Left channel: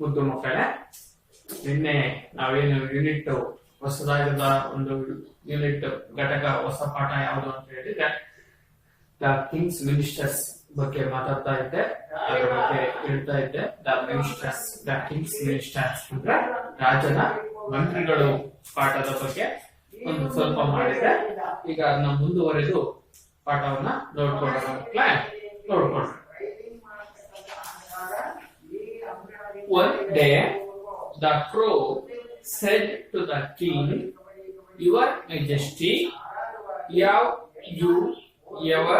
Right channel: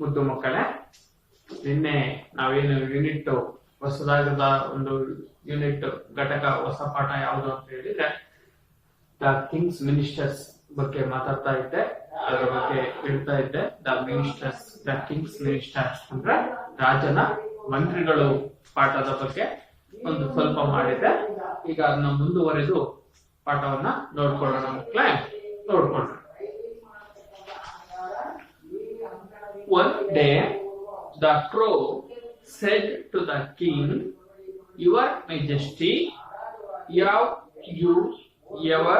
ಮುದ್ದು ಮಕ್ಕಳೇ, ನಿನ್ನೆ ನಾವೇನು ಯೂನಿಟ್ ಹೊಸದಾಗದ ಒಂದು ಯೂನಿಟ್ ಘಟಕ ಹೊಸ ಪಾಠ ಯಾವುದು ಅಂತ ಹೇಳಿದ್ರೆ ದ ಕಿಂಗ್ಸ್ ಮಿನಿಸ್ಟರ್ಸ್ ಬಗ್ಗೆ ಮಾತಾಡ್ತಾ ಇದ್ದೆ. ಅದರ ಬಗ್ಗೆ ಹೇಳ್ತಾ ಇದ್ದೆ. ದ ಕಿಂಗ್ಸ್ ಮಿನಿಸ್ಟರ್ಸ್ ಅಂದ್ರೆ ರಾಜನ ಮಂತ್ರಿಗಳು ಪಾಠದ ಬಗ್ಗೆ ಒಂದು ಸ್ವಲ್ಪ ಮಾಡಿದೆ. ಈಗ ಅದನ್ನ ಮುಂದುವರೆದು ಪಾಠವನ್ನ ನೋಡ್ಕೊಳ್ಳೋಣ ಮಕ್ಕಳೇ. ನೋಡ್ಕೊಳ್ಳೋಣ. One day the crow said to the king, "Your Majesty, have you ever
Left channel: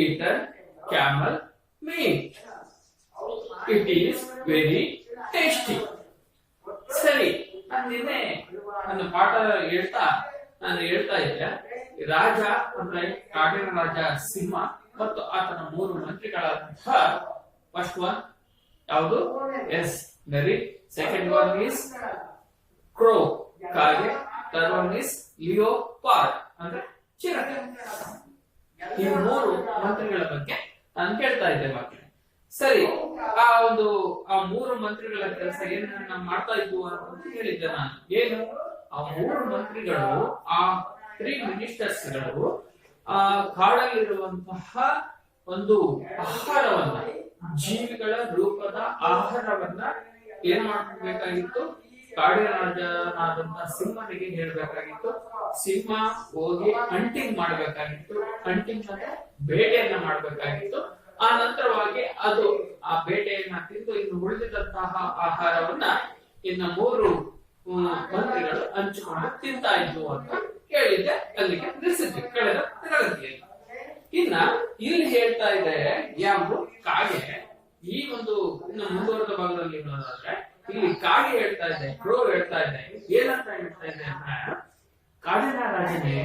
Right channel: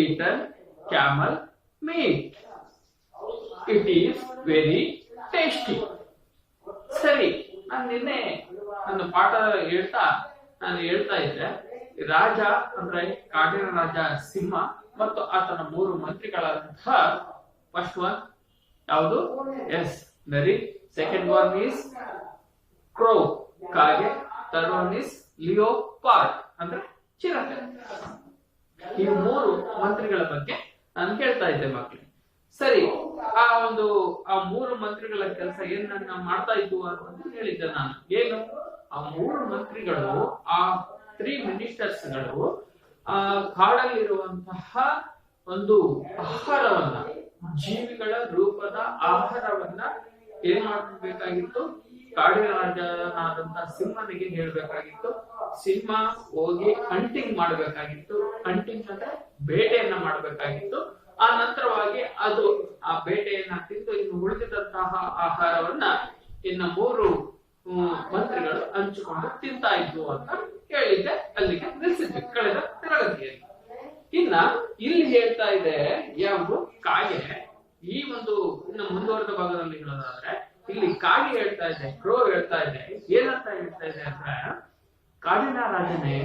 eaten camel meat? It is very tasty." ಸರಿ, ನಾನು ನಿನ್ನೆ ಒಂದು ಪಾಠ ಹೇಳ್ತಾ ಇದ್ದೆ. ರಾಜ ಅಂದ್ರೆ ಕಾಡಿನ ರಾಜ ಸಿಂಹ ಮತ್ತು ಆತನ 3 ಮಂತ್ರಿಗಳಂತಹ ಫಸ್ಟ್ ಒನ್ ಯಾವುದು? ಎಸ್, ನರಿ. ಸೆಕೆಂಡ್ ಒನ್ ಈಸ್ ಕ್ರೋ, ಕಾಗೆ. ಥರ್ಡ್ ಒನ್ ಈಸ್ ಲಿಯೋಪಾರ್ಡ್ ಅಂದ್ರೆ ಚಿರತೆ. ಈ 3 ಮಂತ್ರಿಗಳ ಬಗ್ಗೆ ನಾನು ಕೇಳ್ತಾ ಇದ್ದೆ ಮಕ್ಕಳೇ. ಸರಿ, ಆ 3 ಮಂತ್ರಿಗಳ ಕೆಲಸ ಏನನ್ನ ಮಾಡ್ತಾ ಇದ್ವು ಅಂತ ಹೇಳಿದ್ದೆ ನಾನು. ಏನು? ಆ 3 ಮಂತ್ರಿಗಳು, ಆ 3 ಮಿನಿಸ್ಟರ್ಸ್ಗಳು ಕಾಡಲ್ಲಿರುವಂತಹ ಒಂದು ಆಹಾರವನ್ನ, ಜೀವಿಗಳ ರೂಪದ ಆಹಾರವನ್ನ ಏನ್ ಮಾಡಬೇಕಾಗಿತ್ತು? ಕಾಡಿನ ರಾಜನಾದಂತಹ ಸಿಂಹನಿಗೆ ಹೇಳ್ಬೇಕಾಗಿತ್ತು. ಸಿಂಹ ಹೋಗಿ ಹಂಟಿಂಗ್ ಮಾಡ್ಬೇಕಾಗಿತ್ತು. ಹಂಟಿಂಗ್ ಅಂದ್ರೆ ಬೇಟೆಯನ್ನ ಮಾಡ್ಬೇಕಾಗಿತ್ತು. ಆ ನಂತರವಾಗಿ ಅದು ಆ ಬೇಟೆಯನ್ನ ತಿಂದು ಇನ್ನು ಉಳಿದಿದ್ದಂತಹ ಆಹಾರವನ್ನ ಇನ್ನು 3 ಮಂತ್ರಿಗಳು ಹಂಚಿಕೊಂಡು ತಿಂತಾ ಇದ್ವು ಅಂತ ಹೇಳಿದ್ದೆ. ಅಲ್ಲಿಗೆ ನಿಲ್ಲಿಸಿದ್ವಿ ಕಳೆದ ತರಗತಿಯಲ್ಲಿ. ಇನ್ನ ಇಲ್ಲಿ ಹೇಳ್ತಾ ಇದೆ ಯಾವುದು? ಕಾಗೆ. ಈ ಒಂದು ಇನ್ನು ಮುಂದುವರೆದ ಭಾಗದಲ್ಲಿ ಹೇಳೋದಾದ್ರೆ ಇಲ್ಲಿ ಕಾಗೆ ಹೇಳ್ತಾ ಇದೆ, ಕ್ರೋ ಹೇಳ್ತಾ ಇದೆ. ಏನಂತ ಹೇಳ್ತಾ ಇದೆ ಅಂದ್ರೆ, ಕಾಡಿನ ರಾಜನೇ,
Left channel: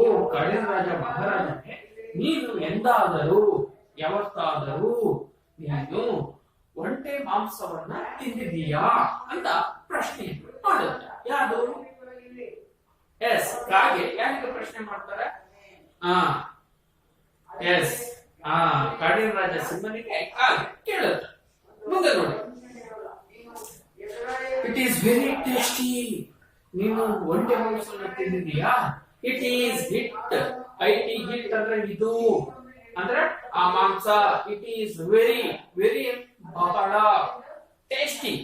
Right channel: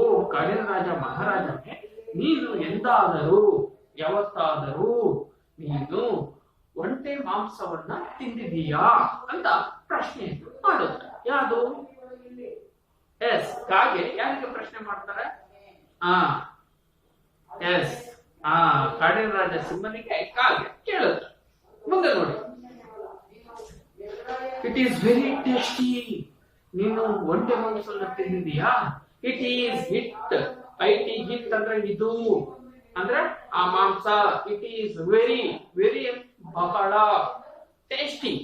ಓ ಕಾಡಿನ ರಾಜ ಮಹಾರಾಜನೇ, ನೀನು ಎಂದಾದರೂ ಯಾವತ್ತಾದರೂ ನೀನು ಒಂಟೆ ಮಾಂಸವನ್ನ ತಿಂದಿದೀಯಾ ಅಂತ ಪ್ರಶ್ನೆ ಮಾಡುತ್ತೆ. ಯಾವುದು? ಎಸ್, ಕಾಗೆ ಯಾರಿಗೆ ಪ್ರಶ್ನೆ ಮಾಡ್ತಾರೆ? ಎಸ್, ಕಾಡಿನ ರಾಜ ಸಿಂಹನಿಗೆ ಕಾಗೆ ಕೇಳುತ್ತೆ. ಮುಂದೆ ನೋಡಿ. It is very tasty. ನೀನು ಒಂಟೆ ಮಾಂಸವನ್ನ ತಿಂದಿದೀಯಾ? It is hit. ಹಿಟ್ ಅಂದ್ರೆ ಇದು, ಅಂದ್ರೆ ಆ ಮಾಂಸ. ಇಟ್ ಈಸ್ ವೆರಿ ವೆರಿ ಬಹಳ ಟೇಸ್ಟಿ.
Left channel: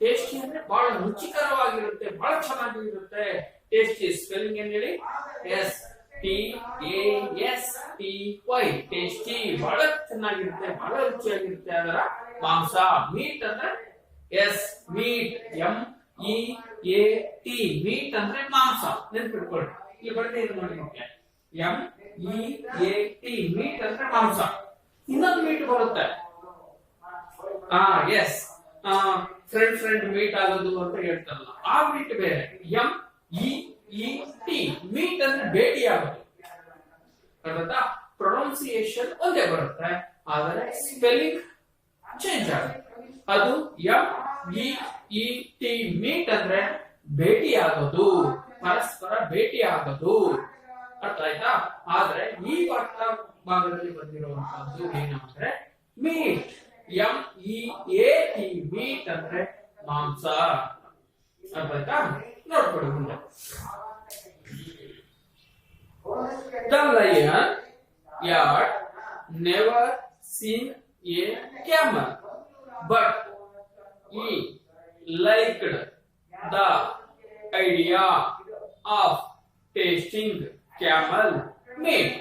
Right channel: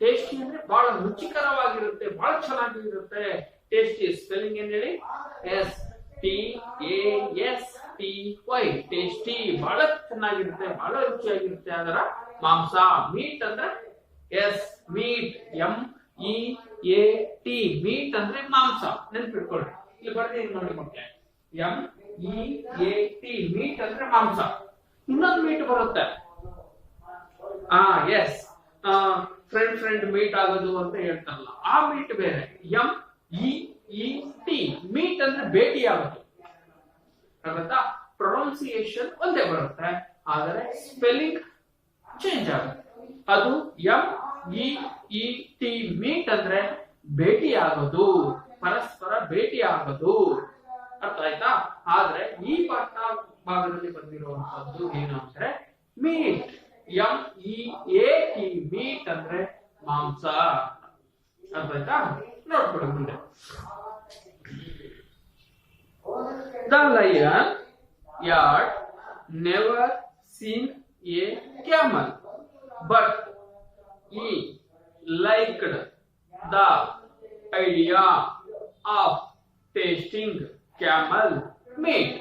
ಟೇಸ್ಟಿ ಅಂದ್ರೆ ಬಹಳ ರುಚಿಕರವಾಗಿರುತ್ತೆ, ಬಹಳ ಚೆನ್ನಾಗಿರುತ್ತೆ. ಟೇಸ್ಟಿ ಸ್ಪೆಲ್ಲಿಂಗ್ ಏನ್ ಹೇಳಿ? S, TASTY. ಟೇಸ್ಟಿ, ಬಹಳ ಚೆನ್ನಾಗಿರುತ್ತೆ, ಬಹಳ ರುಚಿಯಾಗಿರುತ್ತೆ ಅದರ ಮಾಂಸ. ಮೀಟ್ ಅಂದ್ರೆ ಎಸ್, ಮೀಟ್, MEAT. ಮೀಟ್ ಅಂದ್ರೆ ಮಾಂಸ. ನೆನ್ಪಿಟ್ಕೊಳ್ಳಿ. ಇಲ್ಲಿ ಬರ್ತೀನಿ ನೋಡಿ ಮಕ್ಕಳೇ, MEAT. ಮೀಟ್ ಅಂದ್ರೆ ಮಾಂಸ. ಇನ್ನೊಂದು ಮೀಟ್ ಬರುತ್ತೆ. ಎಸ್, ಫ್ರೆಂಡ್ ಮೀಟ್ ಆಗೋದು ಅಂತ ಹೇಳ್ತಾರಲ್ಲ, ಆ ಮೀಟ್ ಬೇರೆ. MEET. ಮೀಟ್ ಅಂದ್ರೆ ಭೇಟಿ ಆಗೋದು. ಪ್ರೊನೌನ್ಸಿಯೇಷನ್ ಒಂದೇ ಬರುತ್ತೆ, ಆದರೆ ಸ್ಪೆಲ್ಲಿಂಗ್ ಚೇಂಜ್ ಆಗುತ್ತೆ. ಅದು MEET. ಮೀಟ್ ಅಂದ್ರೆ ಭೇಟಿ ಆಗೋದು, ಪರಸ್ಪರ ಭೇಟಿ ಆಗೋದು. ಅರ್ಥ ಆಯ್ತಾ? ಆದ್ರೆ ಈ ಪಾಠ ಭಾಗದಲ್ಲಿ ಬಂದಿರುವಂತದ್ದು ಏನು ಅಂದ್ರೆ ಮೀಟ್. MEAT. ಮೀಟ್ ಅಂದ್ರೆ ಮಾಂಸ. ಅರ್ಥ ಆಯ್ತಾ? ನೋಡ್ಕೊಳ್ಳಿ ಮುಂದೆ. The lion had never seen a camel, but he liked the idea of tasting camel meat.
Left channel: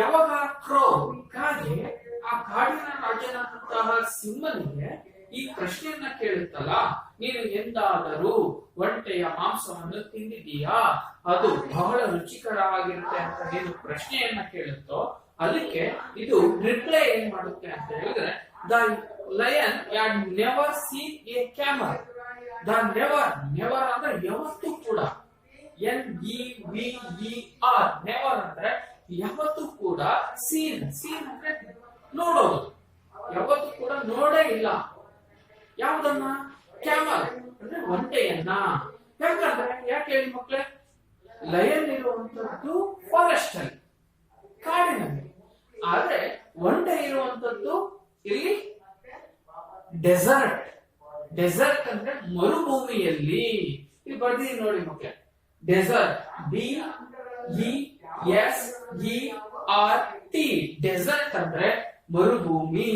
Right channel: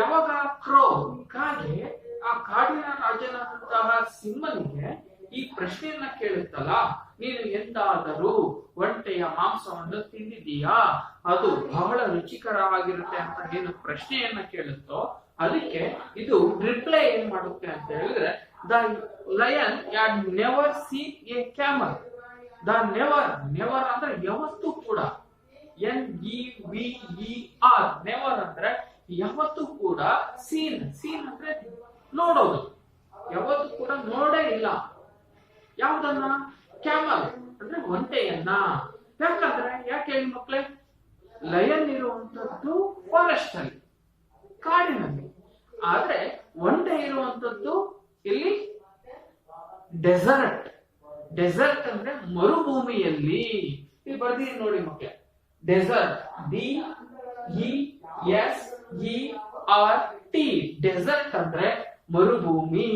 ಯಾವಾಗ ಕ್ರೋ, ಕಾಗೆ, ಆ ಕಾಡಿನ ರಾಜನಾದಂತಹ ಸಿಂಹನಿಗೆ ಈ ಪ್ರಶ್ನೆಯನ್ನ ಕೇಳುತ್ತಲ್ಲ, ನೀನು ಎಂದಾದರೂ ಒಂಟೆಯ ಮಾಂಸವನ್ನು ತಿಂದಿದೀಯಾ? ಅದು ಬಹಳ ರುಚಿಕರವಾಗಿರುತ್ತೆ ಅಂತ ಏನು ಪ್ರಶ್ನೆಯನ್ನ ಕೇಳುತ್ತೋ, ಅದಕ್ಕೆ ಇದು ರಿಪ್ಲೈ ಏನ್ ಮಾಡುತ್ತೆ ಅಂತ ಹೇಳಿದ್ರೆ, the lion had never seen A camel. The never ಅಂದ್ರೆ ಯಾವತ್ತೂ ಕೂಡ. NEVER. ನೆವರ್ ಅಂದ್ರೆ ಯಾವತ್ತೂ ಕೂಡ. ಸೀನ್ ಅಂದ್ರೆ ನೋಡೋದು. ಯಾವತ್ತೂ ಕೂಡ ನೋಡೇ ಇಲ್ಲ. ಯಾವುದನ್ನ? ಕ್ಯಾಮಲ್ ಅಂದ್ರೆ ಒಂಟೆಯನ್ನ. ಯಾಕಂದ್ರೆ ಯಾಕೆ ಹೇಳಿ ಮಕ್ಕಳೇ? ಲಯನ್ ಇರುವಂತದ್ದು ಫಾರೆಸ್ಟ್ ಅಲ್ಲಿ, ಕಾಡಿನಲ್ಲಿ. ಆದ್ರೆ ಒಂಟೆ ಇರುವಂತದ್ದು ಇಲ್ಲಿ ಡೆಸರ್ಟ್. ಡೆಸರ್ಟ್ ಅಂದ್ರೆ ಮರುಭೂಮಿಯಲ್ಲಿ. ಇಲ್ಲಿ ಬರ್ದಿದ್ದೀನಿ ನೋಡಿ ಮಕ್ಕಳೇ, ಡೆಸರ್ಟ್, DESERT. ಡೆಸರ್ಟ್ ಅಂದ್ರೆ ಮರುಭೂಮಿ.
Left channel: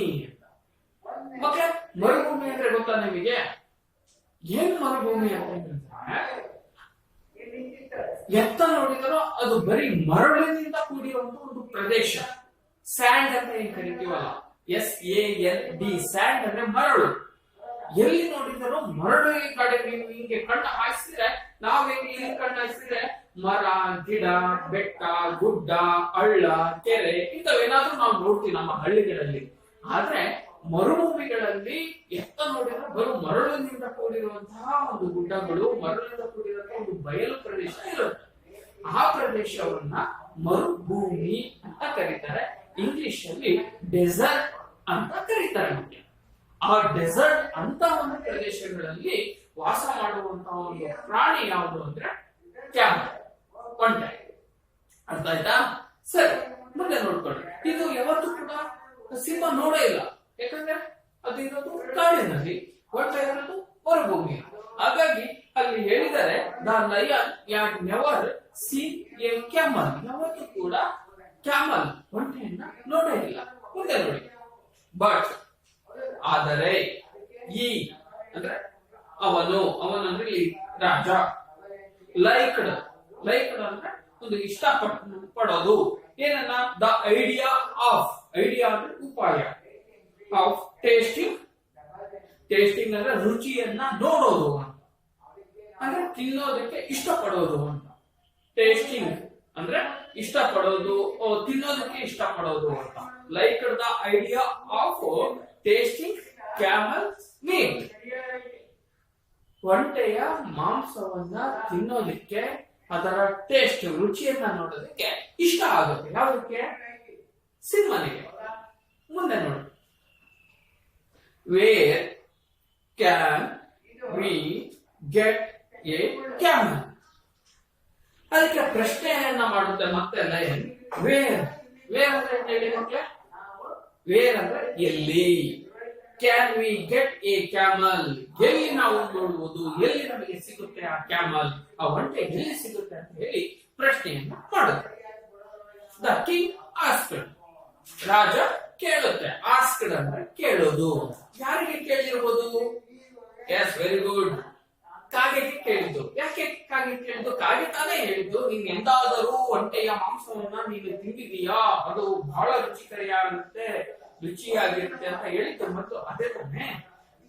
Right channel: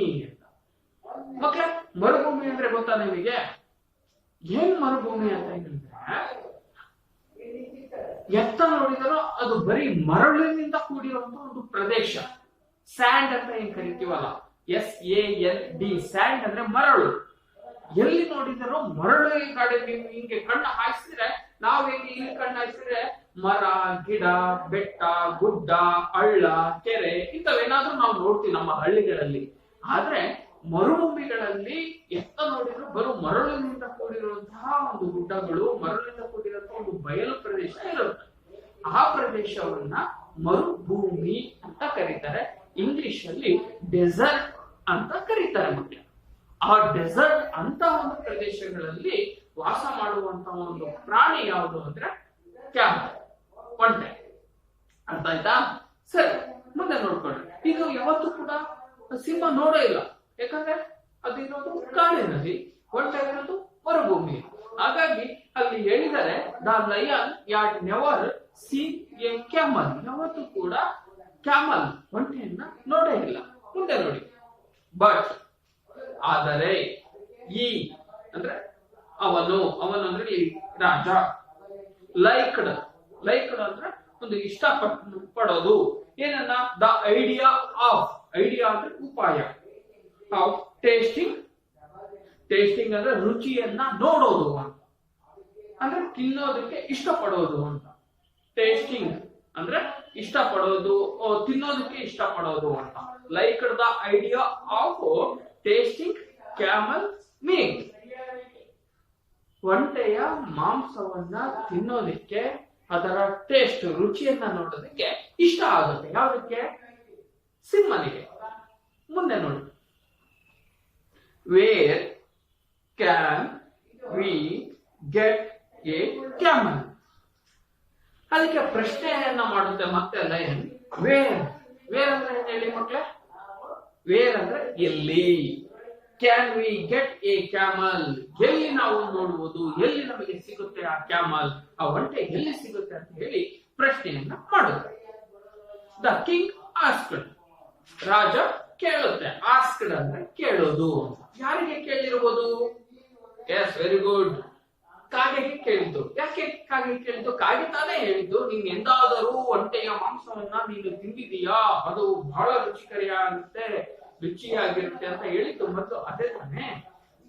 ಮಕ್ಕಳೇ, ಮರುಭೂಮಿ ಅಂದ್ರೆ ಗೊತ್ತಾ ನಿಮಗೆ? ಏನ್ ಮರುಭೂಮಿ ಅಂತ ಹೇಳಿದ್ರೆ, ಎತ್ತ ನೋಡಿದರೂ ಅದು ಬರೀ ಮರಳಿನಿಂದ ಕೂಡಿರುವಂತಹ ಒಂದು ಪ್ರದೇಶ. ಸ್ಯಾಂಡ್ ಅಂತ ಏನ್ ಕರಿತೀವಲ್ಲ, SAND, ಸ್ಯಾಂಡ್ ಅಂದ್ರೆ ಮರಳು. ಎಲ್ಲಿ ನೋಡಿದರೂ ಮರಳು ಕಡೆ ನೀವು ಹಿಂಗೆ ಕಣ್ಣು ಹಾಯಿಸಿದ್ರೆ, ನಾವು ಹೆಂಗೆ ಇಲ್ಲಿ ಕಣ್ಣು ಹಾಯಿಸಿದ್ರೆ ಮರ, ಗಿಡ, ಬೆಟ್ಟ, ಗುಡ್ಡ, ಹಳ್ಳ, ಕೆರೆ ಇಂಥವೇನಾದ್ರೂ ನಾವು ನೋಡ್ತೀವಿ ನಮ್ಮ ಹಳ್ಳಿಗಳಲ್ಲಿ. ಆದ್ರೆ ಮರುಭೂಮಿಗಳಲ್ಲಿ ಎತ್ತ ನೋಡಿದ್ರು ಬರೋ ಮರಳಿನಿಂದ ಕೂಡಿರುವಂತಹ ಒಂದು ಗುಡ್ಡಗಳು, ಮರಳಿನಿಂದ ಕೂಡಿರುವಂತಹ ಒಂದು ಬಯಲು ಪ್ರದೇಶ ಇರುತ್ತೆ. ಆ ಪ್ರದೇಶವನ್ನ ಮರುಭೂಮಿ ಅಂತ ಕರೀತಾರೆ. ಇಂಗ್ಲಿಷ್ ಅಲ್ಲಿ ಡೆಸರ್ಟ್ ಅಂತ ಕರೀತಾರೆ. ಮತ್ತೆ ಆ ಡೆಸರ್ಟ್ ಅಂತ ಒಂದು ಪ್ರದೇಶಗಳಲ್ಲಿ ವಾಸ ಮಾಡುವಂತಹ ಒಂದು ಪ್ರಾಣಿ ಯಾವುದು ಅಂದ್ರೆ ಕ್ಯಾಮಲ್, ಒಂಟೆ. ಅರ್ಥ ಆಯ್ತಾ? ಸರಿ, ಮುಂದೆ ನೋಡ್ಕೊಳ್ಳಿ. ಇದು ಯಾವತ್ತೂ ಕೂಡ ಸಿಂಹ ನೋಡೇ ಇಲ್ಲ, ಯಾಕಂದ್ರೆ ಅದು ಇರೋದು ಕಾಡಿನಲ್ಲಿ, ಒಂಟೆ ಇರೋದು ಮರುಭೂಮಿ. ಹಾಗಾಗಿ ಅಲ್ಲಿ ಹೇಳಿದರೆ the lion add never seen A camel. ಯಾವತ್ತೂ ಕೂಡ ಕ್ಯಾಮಲ್, ಒಂಟೆಯನ್ನ ನೋಡೇ ಇಲ್ಲ. ಮುಂದೆ ನೋಡಿ, ಬಟ್ ಆದರೆ, ಈ ಅಂದ್ರೆ ಅವನು, ಅವನಂದ್ರೆ ಈ ರಾಜ. ಲೈಕ್ಡ್ ಅಂದ್ರೆ ಒಂದು ಇಷ್ಟ ಪಡೋದು ಏನನ್ನ, ದ ಐಡಿಯಾ ಆಫ್, ಐಡಿಯಾ ಅಂದ್ರೆ ಉಪಾಯ, ಆಫ್ ಟೇಸ್ಟಿಂಗ್ ಅಂದ್ರೆ ರುಚಿಯನ್ನ ನೋಡೋದು ಅಂತ, ಅಂದ್ರೆ ತಿನ್ನೋದಕ್ಕೆ ಇಷ್ಟಪಡೋದು ಅಂತ. ಟೇಸ್ಟಿಂಗ್ ಅಂದ್ರೆ ಇಷ್ಟಪಡೋದು, ತಿನ್ನೋದಕ್ಕೆ ಇಷ್ಟಪಡೋದು ಅಂತ. Like the idea of tasting camel meat. ಒಂಟೆಯ ಮಾಂಸವನ್ನ ತಿನ್ನೋದಕ್ಕೆ, ಅದರ ಟೇಸ್ಟ್, ರುಚಿಯನ್ನ ನೋಡೋದಕ್ಕೆ ಇಷ್ಟ ಆಗುತ್ತೆ. ಯಾವುದಕ್ಕೆ? ಸಿಂಹನಿಗೆ. ಮುಂದೆ ನೋಡಿ, where can we get A camel. ಅದಕ್ಕೆ ಪ್ರಶ್ನೆಯನ್ನ ಮಾಡುತ್ತೆ ಮತ್ತೆ ಲಯನ್. ವೇರ್ ಅಂದ್ರೆ ಹೇಳಿ ಮಕ್ಕಳೇ? ವೇರ್ ಅಂದ್ರೆ ಎಲ್ಲಿ, can we get A camel, ಎಲ್ಲಿ ನಾವು ನೋಡುವುದು, ಎಲ್ಲಿ ನಮಗೆ ಸಿಗುತ್ತೆ ಆ ಕ್ಯಾಮಲ್, ಆ ಒಂಟೆ ಎಲ್ಲಿ ಸಿಗುತ್ತೆ ಅಂತ ಹೇಳಿ ಪ್ರಶ್ನೆಯನ್ನ ಮಾಡುತ್ತೆ. ದ ಕಿಂಗ್ ಆಸ್ಕ್ಡ್, ರಾಜ ಕೇಳುತ್ತೆ. ಆಸ್ಕ್ಡ್ ಅಂದ್ರೆ ಕೇಳೋದು. ಯಾರಿಗೆ ಕೇಳಿರ್ಬೋದು? ಎಸ್, ವೆರಿ ಗುಡ್, ಕಾಗೆಗೆ ಕೇಳಿದ್ದು. ಯಾಕೆ ಕಾಗೆ ಕೇಳಿದ್ದು? ಕಾಗೆ ತಾನೇ ಹೇಳಿದ್ದು, ನೀನ್ ಎಂದಾದರೂ ಒಂಟೆಯ ಮಾಂಸವನ್ನ ನೀನು ತಿಂದಿದೀಯಾ, ಅದು ಬಹಳ ರುಚಿಯಾಗಿರುತ್ತೆ ಅಂತ ಹೇಳಿದ್ದು ಮತ್ತು ಅದೇ ತಾನೇ.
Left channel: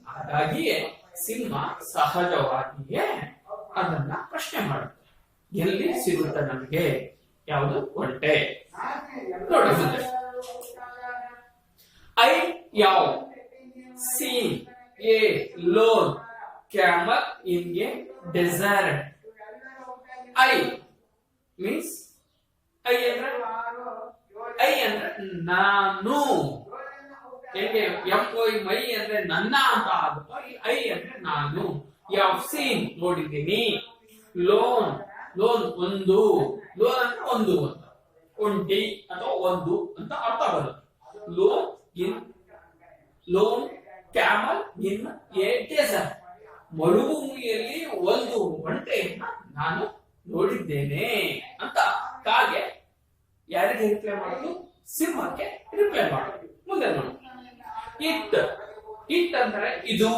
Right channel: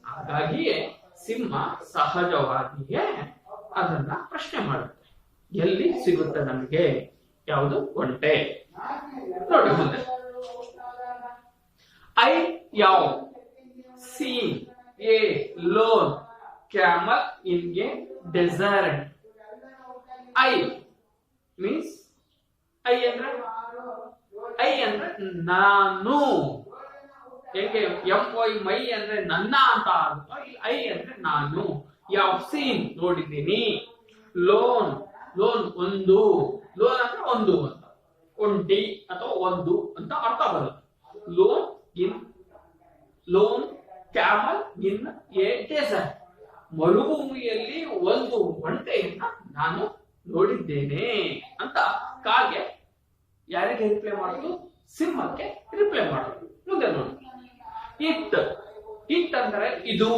ಹಾಗಾಗಿಯೇ ಸಿಂಹ ಸಹಜವಾಗಿಯೇ ಅದನ್ನ ಪ್ರಶ್ನೆ ಮಾಡುತ್ತೆ, ಎಲ್ಲಿ ಸಿಗುತ್ತೆ ನಮಗೆ ಯಾವುದು ಒಂಟೆ. ನೋಡಿ ಮುಂದೆ, ಐ ಯಾವ seen a lone camel in a desert. I means, I ಅಂದ್ರೆ ನಾನು. ಹೇಗೆ MY ಮೈ ಅಂದ್ರೆ ನನ್ನ ಅಂತ ಆಗುತ್ತೋ, ಐ ಅಂದ್ರೆ ನಾನು. ಯಾವ ಸೀನ್ ನೋಡಿದ್ದೀನಿ, ಲೋನ್ ಒಂದು, ಲೋನ್ ಅಂದ್ರೆ ಒಂದು ಅಂತ, ಒಂಟಿ ಅಥವಾ ಒಂದು ಅಂತ ಅರ್ಥ ಬರುತ್ತೆ. Lone camel in a desert. ಮರುಭೂಮಿಯಲ್ಲಿ ಒಂದು ಒಂಟೆಯನ್ನ ನಾನು ನೋಡಿದ್ದೇನೆ ಅಂತ ಕಾಗೆ ಯಾರಿಗೆ ರಿಪ್ಲೈ ಮಾಡುದು? ಸಿಂಹಕ್ಕೆ ರಿಪ್ಲೈ ಮಾಡುದು. ಮುಂದೆ ನೋಡಿ, ಇಟ್ ಅಂದ್ರೆ ಇದು.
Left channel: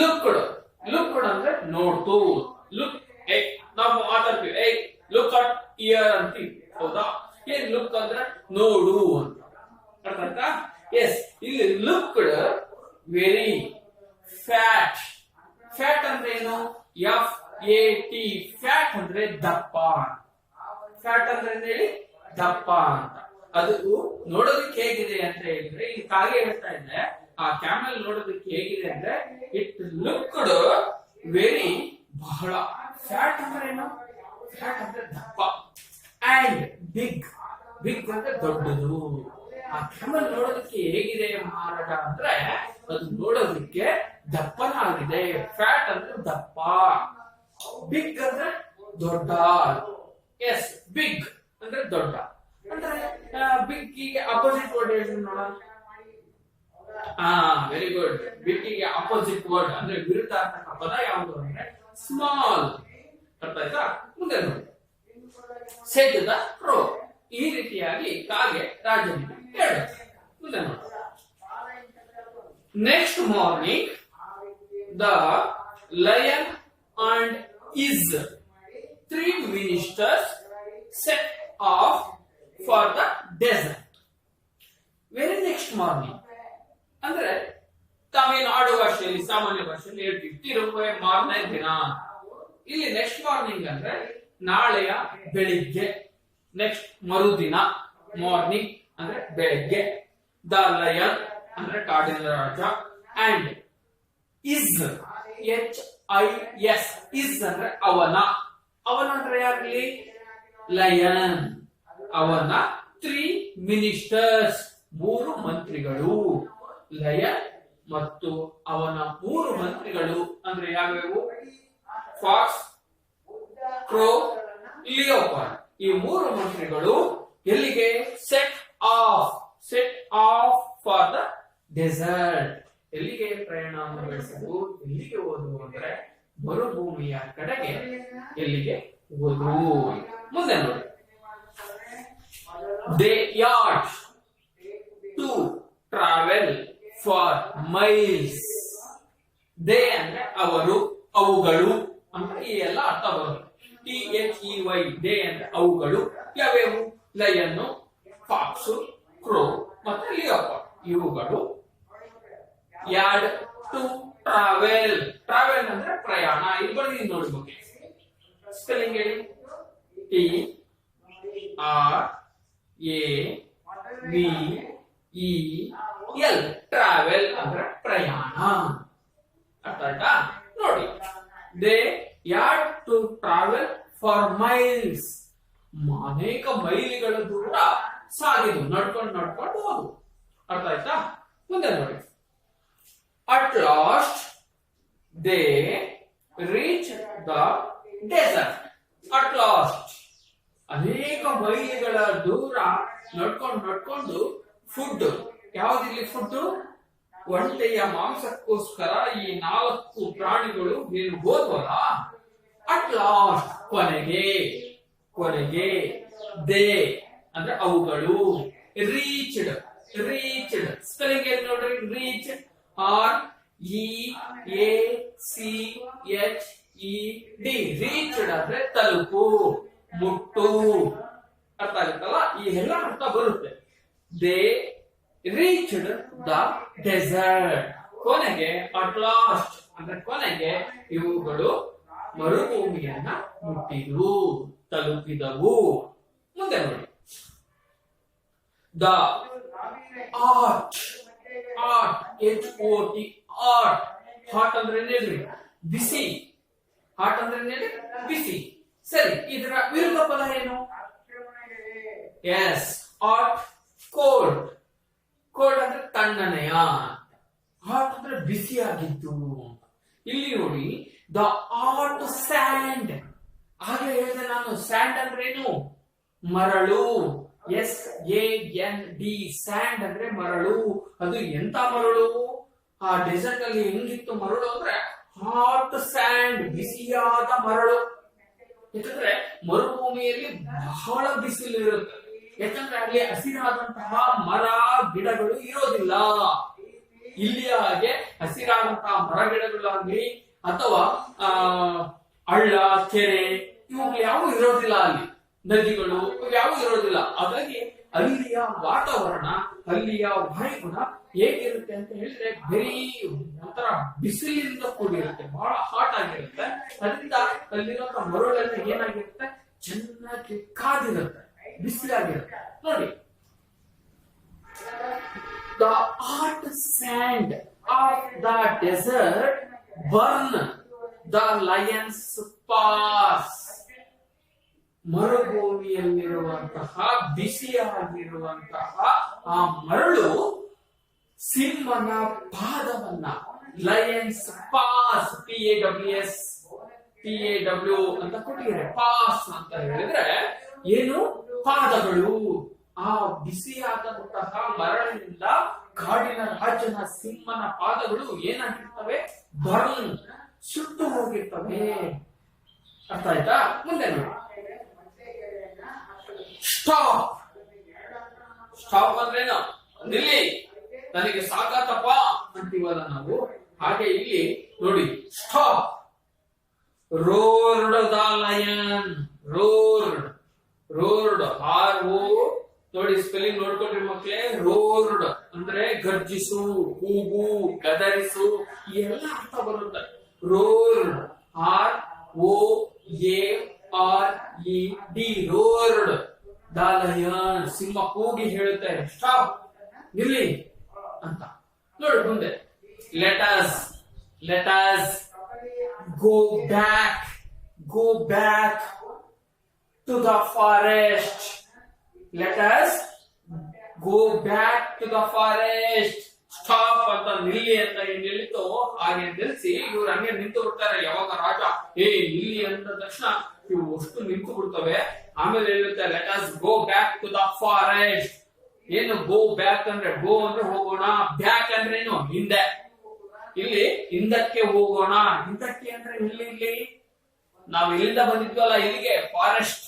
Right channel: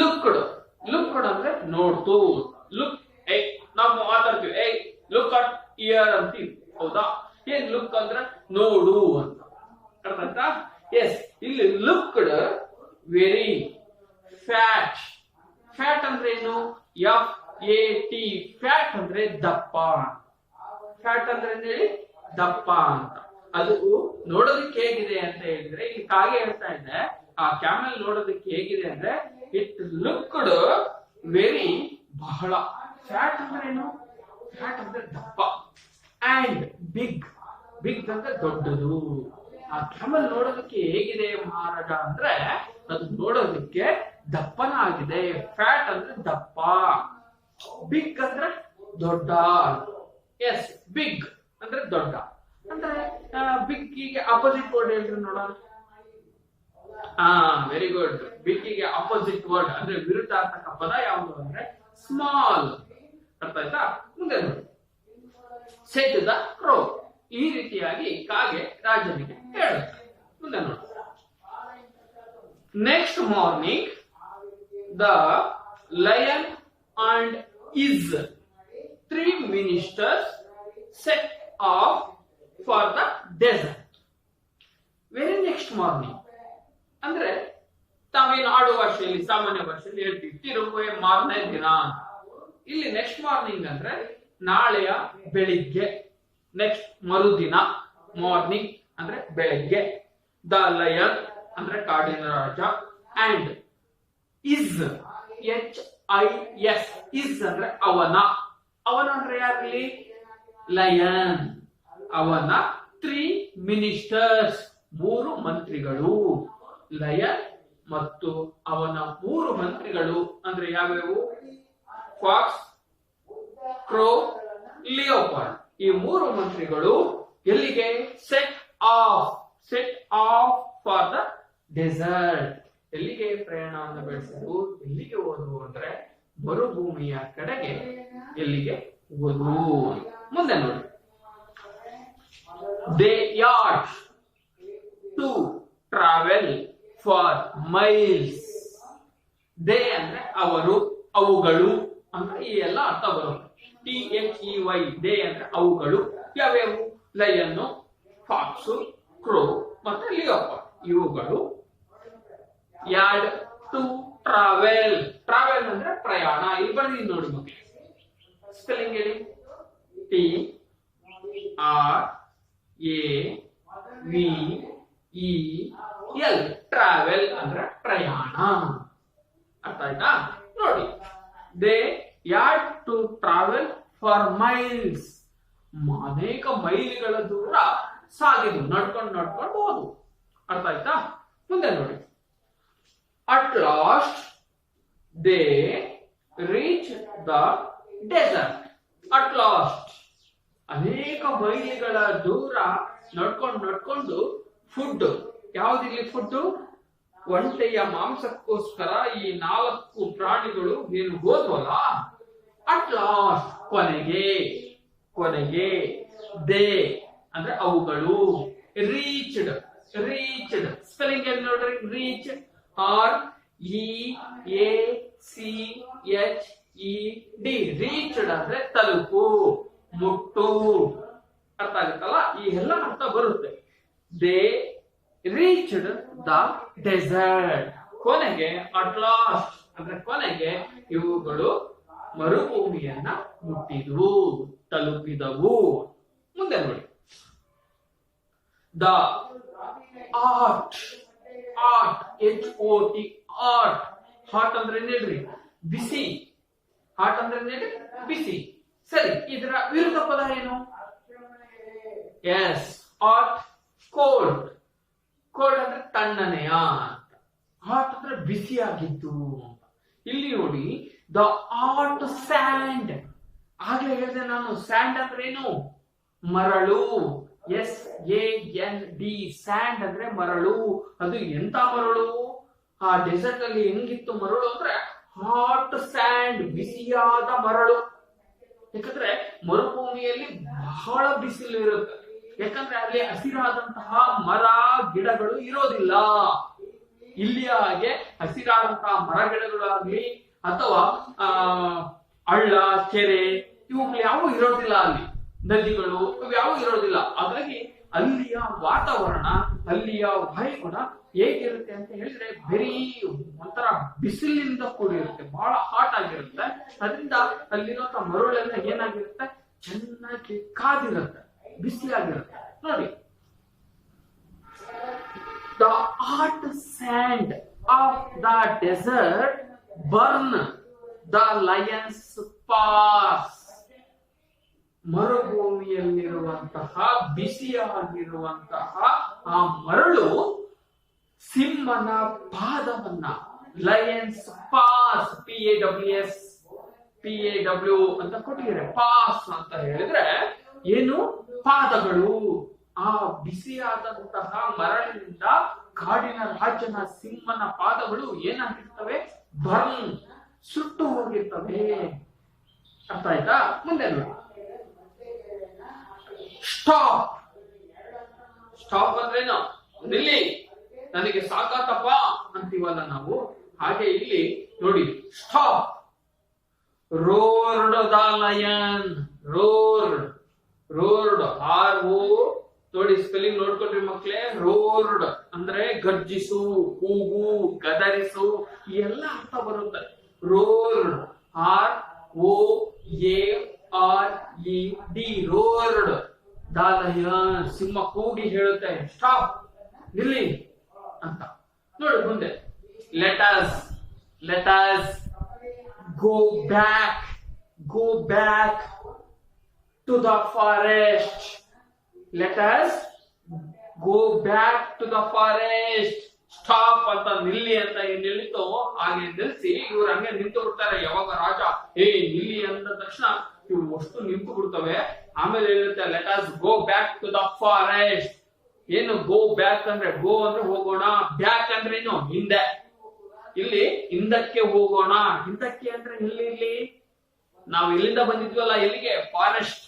ಲುಕ್ಡ್ ಅಂದ್ರೆ ನೋಡ್ತು. ಲುಕ್, ನಾವು ಮಾತಾಡ್ತೀವಿ, ಲುಕ್ ಅಟ್ ಇಯರ್ ಅಂತೀವಿ, ಹೌದಾ? ಏನ್ ಲುಕ್ ಅಂದ್ರೆ ನೋಡು ಅಂತ ಅರ್ಥ ಆಯ್ತಾ? ಎಸ್, ಇಲ್ಲಿ ಲುಕ್ಡ್ ವೆರಿ ಫ್ಯಾಟ್. ಫ್ಯಾಟ್ ಅಂದ್ರೆ ಏನು? FAT, ಫ್ಯಾಟ್ ಅಂದ್ರೆ ದಪ್ಪ. ಫ್ಯಾಟ್ ಅಂದ್ರೆ ಹೇಳಿ ದಪ್ಪ ಅಂತ. ಅದು ನೋಡೋದಕ್ಕೆ ಹೇಗಿದೆ ಅಂತ ಹೇಳಿದ್ರೆ, ಈ ಕಾಗೆ ಹೇಳ್ತಾ ಇದೆ, ಆ ಕ್ಯಾಮಲ್ ನೋಡೋದಕ್ಕೆ ಹೇಗಿದೆ ಅಂದ್ರೆ, ಇಟ್ ಲುಕ್ಡ್ ವೆರಿ, ಬಹಳ. ಫ್ಯಾಟ್ ಅಂದ್ರೆ ಏನು? ಫ್ಯಾಟ್ ಅಂದ್ರೆ ದಪ್ಪ. ಅಂಡ್ ಬಿಗ್ ಅಂದ್ರೆ ದೊಡ್ಡದು. ಆ ಕ್ಯಾಮಲ್ ನೋಡೋದಕ್ಕೆ ಹೇಗಿದೆ ಮಹಾರಾಜ ಅಂದ್ರೆ, ಅದು ನೋಡೋದಕ್ಕೆ ದಪ್ಪನಾಗಿದೆ. ಫ್ಯಾಟ್ ಅಂದ್ರೆ ದಪ್ಪ, ಬಿಗ್ ಅಂದ್ರೆ ದೊಡ್ಡ. ಎಸ್, ಬಿಗ್ ಅಂದ್ರೆ ದೊಡ್ಡ. ಅಂದ್ರೆ ಬಿಗ್ ಗೆ ಅಪೋಸಿಟ್ ವರ್ಡ್ ಹೇಳ್ರಿ ನೋಡೋಣ. Very good. ಬಿಗ್ಗಿಗೆ ಅಪೋಸಿಟ್ ವರ್ಡ್ ಅಂದ್ರೆ ವಿರುದ್ಧಾರ್ಥಕ ಪದ ಯಾವುದು ಅಂದ್ರೆ ಸ್ಮಾಲ್. ಅರ್ಥ ಆಯ್ತಾ? ಮುಂದೆ ನೋಡಿ, ಸೆಡ್ ದ ಕ್ರೋ. ಈ ರೀತಿಯಾಗಿ ಕಾಗೆ ರಾಜನಿಗೆ ಹೇಳುತ್ತೆ. ಮುಂದೆ ನೋಡಿ, next morning the lion and is 3 ministers set off for the desert. Very next morning ಅಂದ್ರೆ ತಾವೇನು ಆಡುವ ಭಾಷೆಯಲ್ಲಿ ಸಾಮಾನ್ಯ ಭಾಷೆಯಲ್ಲಿ ಹೇಳ್ತೀವಿ ತಿರುಗುವೆ ಮಾರನೇ ದಿನ. ಇಲ್ಲಿ ನೆಕ್ಸ್ಟ್ ಮಾರ್ನಿಂಗ್ ಅಂದ್ರೆ ನಾಳೆಯ ಬೆಳಿಗ್ಗೆ, ನೆಕ್ಸ್ಟ್ ಮರುದಿನ. ಮಾರ್ನಿಂಗ್ ಅಂದ್ರೆ ಬೆಳಿಗ್ಗೆ. ದ ಲಯನ್ ಅಂದ್ರೆ ಕಾಡಿನ ರಾಜ, ಅಂಡ್ ಇಸ್ HIS ಇಸ್ ಅಂದ್ರೆ ಅವನ. ಅವನ ಅಂದ್ರೆ ಯಾರಲ್ಲಿ? ಲಯನ್. ಅವನ 3 ministers 3 ಮಂತ್ರಿಗಳು. ಲಯನ್ ಮತ್ತು ಅವನ 3 ಮಂತ್ರಿಗಳು ಅಂದ್ರೆ ಯಾವ್ಯಾವು? Fox, crow, leopard. ಈ 3 ಮಂತ್ರಿಗಳು ಎಲ್ಲಿಗೆ? Set off for the desert. ಎಲ್ಲಿಗೆ ಪ್ರಯಾಣವನ್ನು ಬೆಳೆಸಿದ್ರು? ಎಲ್ಲಿಗೆ ಹೋದ್ರು ಅಂದ್ರೆ ಮರುಭೂಮಿಯ ಕಡೆಗೆ. ಎಲ್ಲಿಗೆ ಹೋದ್ರು? ಮುಂದೆ ನೋಡಿ, they had to travel for miles. They ಅಂದ್ರೆ ಅವರು, ಅವುಗಳು ಅಂದ್ರೆ ಈ ಎಲ್ಲ ಅರ್ಥ ಬರುತ್ತೆ. THEY ದೇ ಅಂದ್ರೆ ಅವುಗಳು. ಯಾವ್ಯಾವು? ಲಯನ್ನು, ಫಾಕ್ಸು, ಕ್ರೋ ಮತ್ತೆ ಲಿಯೋಪಾರ್ಡ್ ಇವುಗಳು. Yard to travel. ಟ್ರಾವೆಲ್ ಅಂದ್ರೆ ಪ್ರಯಾಣ. ಇಲ್ಲಿ ಬನ್ನಿ ನೋಡಿ ಬಗ್ಗೆ ಸ್ಪೆಲ್ಲಿಂಗ್ ಹೇಳಿ. TRAVEL. ಟ್ರಾವೆಲ್ ಅಂದ್ರೆ ಪ್ರಯಾಣ. ಅರ್ಥ ಆಯ್ತಾ? ನೋಡಿ, they had to travel for miles. ಅನೇಕ ಮೈಲಿಗಳ ದೂರ ಸಾಗಿದು, ನಡ್ಕೊಂಡು ಹೋದು. ಅರ್ಥ ಆಯ್ತಾ? ಮುಂದೆ ನೋಡಿ, at last they reach the desert. At last ಅನೇಕ ಮೈಲಿಗಳ ದೂರ ನಡ್ಕೊಂಡು ಫುಡ್. ಯಾವ್ದಿಲ್ಲಿ ಫುಡ್? ಒಂಟೆಯ ಮಾಂಸಕ್ಕೋಸ್ಕರ ಈ 4 ಪ್ರಾಣಿಗಳು ಏನು ಹೋದ್ವಲ್ಲ. ಅಟ್ ಲಾಸ್ಟ್ ಕೊನೆಗೆ. ದೇ ಅಂದ್ರೆ ಅವುಗಳು. ರೀಚ್ಡ್ ಸ್ಪೆಲ್ಲಿಂಗ್ ಏನು ನೋಡ್ರಿ? Reach REACHED. ರೀಚ್ಡ್ ಅಂದ್ರೆ ತಲುಪು, ಮುಟ್ಟು. ಅರ್ಥ ಆಗುತ್ತಲ್ಲ? ಈ ಎಲ್ಲ ಅರ್ಥ ಬರುತ್ತೆ. They reached the desert. ಕೊನೆಗೆ ಅಟ್ ಲಾಸ್ಟ್ ಅಂದ್ರೆ ಕೊನೆಗೆ ಇವುಗಳು ಮರುಭೂಮಿಯನ್ನ ಮುಟ್ಟಿದವು, ತಲುಪಿದವು. ಮುಂದೆ ನೋಡಿ, ದ ಆರ್ಟ್ HOT ಹಾಟ್ ಅಂದ್ರೆ ಏನ್ರಿ? ಬಿಸಿ. ಹಾಟ್ ಅಂದ್ರೆ ಏನ್ರಿ? ಬಿಸಿ. ಸರಿ, ಇದರ ವಿರುದ್ಧ ಪದ ಏನು? S, hot. ಕೋಲ್ಡ್ ಅಂದ್ರೆ ತಣ್ಣನೆಯ. ಹಾಟ್ ಅಂದ್ರೆ ಬಿಸಿಯಾಗಿದ್ದು. ಇಲ್ಲಿ ನೋಡಿ, ದ ಹಾಟ್ ಸ್ಯಾಂಡ್. ಆಗ್ಲೇ ಹೇಳಿದೆ ನಾನು, ಸ್ಯಾಂಡ್ ಅಂದ್ರೆ ಏನು? ಮರಳು. SAND. ಸ್ಯಾಂಡ್ ಅಂದ್ರೆ ಮರಳು. ಅದು ಎಂತ ಮರಳು? ಆ ಡೆಸರ್ಟ್ ಅಲ್ಲಿ ಹೆಂಗಿತ್ತು ಮರಳು ಅಂದ್ರೆ ಹಾಟ್ ಸ್ಯಾಂಡ್, ಬಿಸಿಯಾದ ಮರಳು. ಯಾಕಂದ್ರೆ ಮರುಭೂಮಿಯಲ್ಲಿ ಬಹಳ ಬಿಸಿಲು ಇರುತ್ತೆ. ಯಾಕಂದ್ರೆ ಅಲ್ಲಿ ಹಸಿರಾದಂತಹ ಮರ ಗಿಡಗಳು ಇರೋದಿಲ್ಲ. ಇಲ್ಲಿ ಹಾಗೆ ಹಸಿರಾದಂತಹ ಮರ ಗಿಡಗಳಾಗ್ಲಿ ಅಥವಾ ಹಳ್ಳ, ಕೆರೆ ಇವುಗಳು ಯಾವ ಇರೋದಿಲ್ಲ. ಅಲ್ಲಿ ನದಿಗಳು ಯಾವ ಇರೋದಿಲ್ಲ. ಹಾಗಾಗಿ ಅಲ್ಲಿಯ ವಾತಾವರಣ, ಅಲ್ಲಿಯ ವಾಯುಗುಣ ಹೇಗಿರುತ್ತೆ ಅಂತ ಹೇಳಿದ್ರೆ ಬರೀ ಒಂಥರ ಬಿಸಿಲಿಂದ ಕೂಡಿರುತ್ತೆ, ಬಹಳ ಹಾಟ್ ಆಗಿರುತ್ತೆ. ಅದರಿಂದ ಅಲ್ಲಿರುವಂತ ಮರಳೆಲ್ಲ ಏನಾಗಿರುತ್ತೆ? ಚೆನ್ನಾಗಿ ಕಾದಿರುತ್ತೆ, ಬಿಸಿಯಾಗಿರುತ್ತೆ. ನೋಡಿ, the hot sand of the desert burn the lion's paws. ಮರುಭೂಮಿಯಲ್ಲಿರುವಂತಹ ಬಿಸಿಯಾಗಿರುವಂತಹ ಆ ಮರಳು ಸಿಂಹನ ಪಾದವನ್ನ, ಲಯನ್ಸ್ ಪಾಸ್, PAW ಅಂತ ಕೊಟ್ಟಿದ್ದಾರೆ. ಪಾಸ್ ಅಂತ ಹೇಳಿದ್ರೆ ಏನು? ಪಾದಗಳು. ಆ ಬಿಸಿಯಾದಂತಹ ಮರಳಿನಿಂದ ಕಾಡಿನ ರಾಜನ ಸಿಂಹನ ಪಾದಗಳು ಏನಾಗಿರ್ತವೆ? ಬರ್ನ್, ಸುಟ್ಟು ಹೋಗಿರ್ತವೆ. ಅರ್ಥ ಆಯ್ತಾ? ಮುಂದೆ ನೋಡಿ, ಸ್ಟಾಪ್. ಸ್ಟಾಪ್ ಅಂದ್ರೇನು? ನಿಲ್ಲಿ, ನನಗೆ ಸಾಕಾತಪ್ಪ ಅಂತೀವಲ್ಲ ನಾವು, ಹಾಗೆ ಇಲ್ಲಿ ನೋಡಿ, stop. Roared the lion. Roared, roared, R-O, ನೋಡಿ ಸ್ಪೆಲ್ಲಿಂಗ್ ನೋಡ್ಕೊಳ್ರಿ ಮಕ್ಳೇ. ರೋರ್ಡ್ ಅಂದ್ರೆ ಗರ್ಜಿಸು, ಕೂಗು, ಗದರಿಸು, ಎಲ್ಲ ಅರ್ಥ ಬರುತ್ತೆ. ರೋರ್ಡ್, R-O-A-R-E-D, ರೋರ್ಡ್ ದ ಲಯನ್. ಸಿಂಹ ಕೂಗಿ ಹೇಳುತ್ತೆ, ಸ್ಟಾಪ್, ನಿಲ್ಲಿ ಅಂತ. ನೋಡಿ ಮುಂದೆ, let us go back to the forest. Let us go back to the forest. Stop ಅಂತ, ನಿಲ್ಲಿ ಅಂತ ನಿಲ್ಲಿತು ಹಾಗೆ ನಿಲ್ಲಿಸಿ ಇವ್ರು ಹಂಗೆ ನಿಂತು ಬಿಡ್ತಾರೆ. ಯಾವಾಗ ರಾಜ ನಿಲ್ಲಿ ಅಂದ ತಕ್ಷಣ ಇವ್ರು ಅಷ್ಟು ನಿಂತು ಬಿಡ್ತವೆ. ಆಮೇಲೆ ಹೇಳುತ್ತೆ, let us go back to the forest. ಏನು ಗೋ ಬ್ಯಾಕ್ ಅಂದ್ರೆ? ಗೋ ಅಂದ್ರೆ ಹೋಗೋಣ, ಬ್ಯಾಕ್ ಅಂದ್ರೆ ಏನು? ಹಿಂದೆ. ಇಲ್ಲಿ ಹಿಂದಕ್ಕೆ ಹೋಗೋಣ. ಹಿಂದಕ್ಕೆ ಅಂದ್ರೆ ಇಲ್ಲಿ ನಾವು ಇಲ್ಲಿಂದ ಬಂದಿದ್ವಲ್ಲ ಇಲ್ಲಿಗೆ, ಫಾರೆಸ್ಟ್.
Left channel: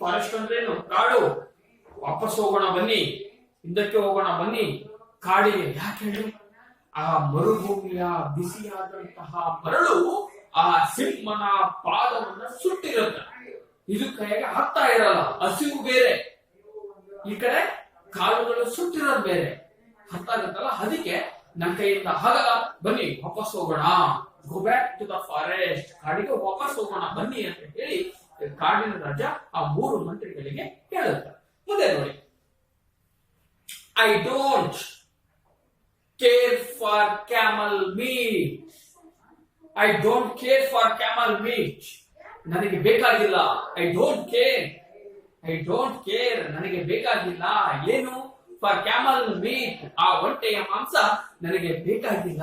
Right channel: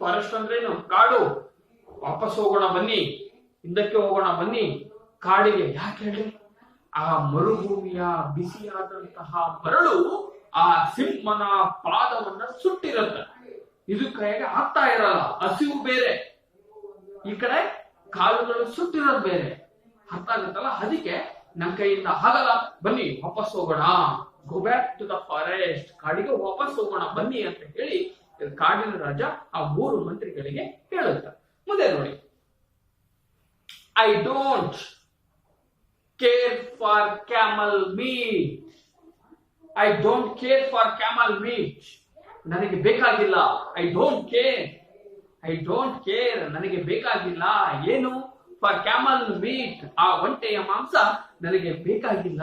ಫಾರೆಸ್ಟ್ ಅಂದ್ರೆ ಏನು? ಕಾಡು. ವಾಪಸ್ ಹೋಗೋಣ ಬನ್ನಿ, ಹಿಂದಕ್ಕೆ ಹೋಗೋಣ ಬನ್ನಿ ಕಾಡಿಗೆ. ಯಾಕೆ ಹೇಳಿ? ಆ ಮರುಭೂಮಿಯ ಬಿಸಿಯಾದಂತಹ ಮರಳು ಆ ಸಿಂಹನ ಪಾದವನ್ನ ಸುಟ್ಟಿರುತ್ತೆ. ಇದು ಕೈಗೆ ಆಗ್ತಾ ಇರಲ್ಲ, ಹಸಿವು ಬೇರೆ, ಈ ಕಡೆ ಕಾಲುಗಳು ಸುಟ್ಟಿರೋದು ಬೇರೆ. ಅರ್ಥ ಆಗುತ್ತಲ್ಲ? ಅದಕ್ಕೆ ನಮ್ಮ ಕೈಯಿಂದ ಆಗಲ್ಲ, ಬನ್ನಿ ವಾಪಸ್ ಹೋಗೋಣ. Go back to the forest. ಕಾಡಿಗೆ ವಾಪಸ್ ಹೋಗೋಣ ಬನ್ನಿ ಅಂತ ಹೇಳಿ ಕಾಡಿನ ರಾಜ ಆ 3 ಮಂತ್ರಿಗಳಿಗೆ ಹೇಳುತ್ತಾರೆ. ಮುಂದೆ ನೋಡಿ, I don't care for camel meet. I don't care for camel meet. ನನಗೆ ಬೇಕಾಗಿಲ್ಲ. ಐ ಡೋಂಟ್ ಕೇರ್, ನನಗೆ ಬೇಕಾಗಿಲ್ಲ. ಏನು? ಫಾರ್ ಕ್ಯಾಮಲ್ ಮೀಟ್, ಆ ಒಂಟೆಯ ಮಾಂಸ ನನಗೆ ಬೇಕಾಗಿಲ್ಲ.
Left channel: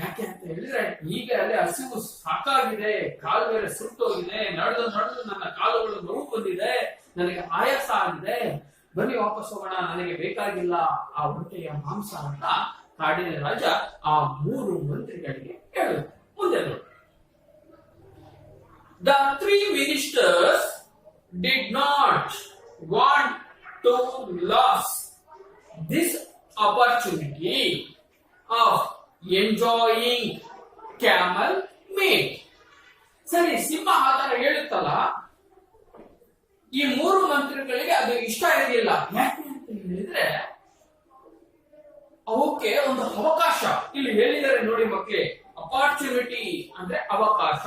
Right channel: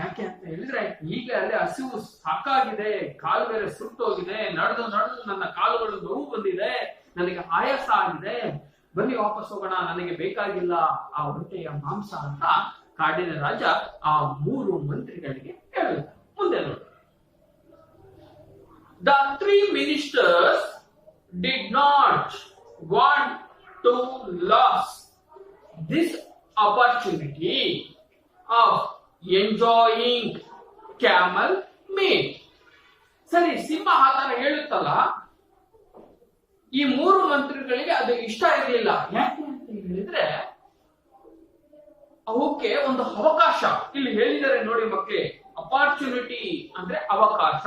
ಯಾಕೆ ಅಂತ ಹೇಳಿದ್ರೆ, ಈಗ ಅಲ್ಲಿ ಹಸಿವು ಸಾಕಾಗಿದೆ, ಕಾಲು ಬೇರೆ ಸುಟ್ಟೋಗಿದೆ, ನಡೆದು ನನ್ನ ಕಾಲುಗಳು ನೋವು ಬಂದಿದೆ, ನನಗೆ ಆಯಾಸ ಆಗಿದೆ, ಬನ್ನಿ ವಾಪಸ್ ಹೋಗೋಣ, ನನಗೆ ಬೇಕಾಗಿಲ್ಲ ಆ ಒಂಟೆಯ ಮಾಂಸ ಅಂತ ಕಾಡಿನ ರಾಜ ಆ 3 ಮಂತ್ರಿಗಳಿಗೆ ಹೇಳುತ್ತೆ. ಮುಂದೆ ನೋಡಿ, the 3 ministers did not want to lose this opportunity of enjoying camel meat. ಸರಿ, ಸಿಂಹ ಆತರ ಹೇಳುತ್ತಲ್ಲ, ಈ 3 ಮಂತ್ರಿಗಳಿಗೆ ಅದು ಇಷ್ಟ ಇರಲಿಲ್ಲ. ಯಾಕೆ ಅಂತ ಹೇಳಿದ್ರೆ, ಅವಕ್ಕೆ ಒಂದು ಅವಕಾಶ ಇಲ್ಲಿ ಹೇಳಿದರೆ ನೋಡಿ ಮಕ್ಕಳೇ. ಅಪಾರ್ಚುನಿಟಿ ಅಂದ್ರೆ ಅವಕಾಶ.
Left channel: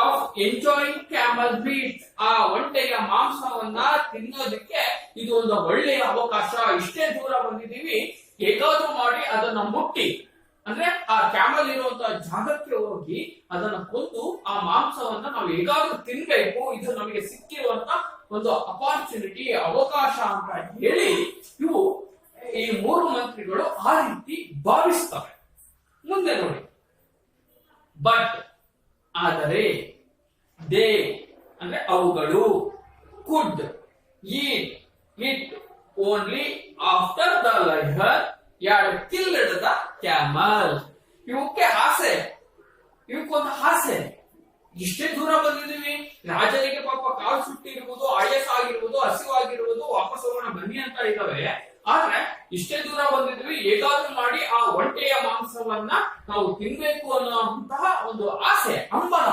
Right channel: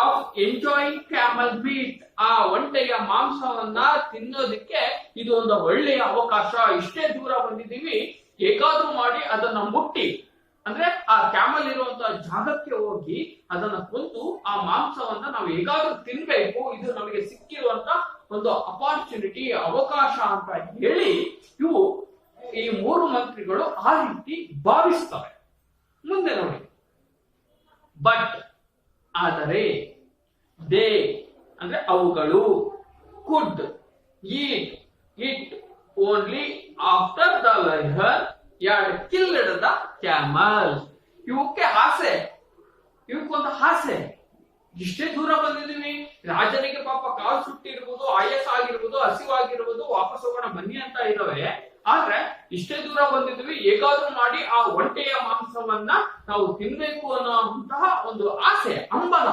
ಆಫ್ ಎಂಜಾಯಿಂಗ್ ಕ್ಯಾಮಲ್ ಮೀಟ್, ಆ ಒಂಟೆಯ ಮಾಂಸವನ್ನ ತಿನ್ನೋದಕ್ಕೆ ಇದು ಒಂದು ಒಳ್ಳೆಯ ಅವಕಾಶ. ಇಷ್ಟೇ ದೂರ ಬಂದಿದ್ದೀವಿ, ಹೇಗಾದ್ರೂ ಮಾಡಿ ಅದನ್ನ ಮುಟ್ಟಿ, ಅಂದ್ರೆ ಆ ಕ್ಯಾಮಲ್ ಇರುವಂತಹ ಜಾಗಕ್ಕೆ ಹೋಗಿ ಅದನ್ನ ಕೊಂದು ಆ ಮಾಂಸವನ್ನ ನಾವು ಹೇಗಾದ್ರೂ ತಿನ್ಬೇಕು, ಇದು ನಮಗೆ ಸಿಕ್ಕಿರುವಂತ ಒಂದು ಅಪಾರ್ಚುನಿಟಿ, ಅವಕಾಶ ಅಂತ ಹೇಳಿ ಇವು ಈ 3 ಮಂತ್ರಿಗಳು ಆ ರೀತಿ ಭಾವಿಸ್ತವೆ. ಮುಂದೆ ನೋಡಿ, ಬಟ್ ಆದರೆ, ದೇ ಅಂದ್ರೆ ಅವುಗಳು, could eat it only after the lion had killed the camel. ಇವಕ್ಕೆ ಆಸೆ, ಇವಕ್ಕೊಂದು ಆಸೆ. ಇಷ್ಟೇ ದೂರ ಬಂದಿದ್ದೀವಿ, ರಾಜನಿಗೆ ಪಾಪ ಕಾಲು ಸುಟ್ಟಿರ್ಬೋದು, ಆಯಾಸ ಆಗಿರ್ಬೋದು, ಹಸಿವಾಗಿರ್ಬೋದು, ವಾಪಸ್ ಹೋಗೋಣ ಬನ್ನಿ ಅಂತ ಇದ್ದಾವೆ. ಆದ್ರೆ ಇಷ್ಟೇ ದೂರ ಬಂದಿದ್ವಿ, ಹೇಗಾದ್ರೂ ಮಾಡಿ ಆ ಒಂಟೆಯ ಮಾಂಸವನ್ನ ನಾವು ತಿನ್ಬೇಕು ಅನ್ನುವಂತಹ ಒಂದು ಆಸೆ, ಹಂಬಲ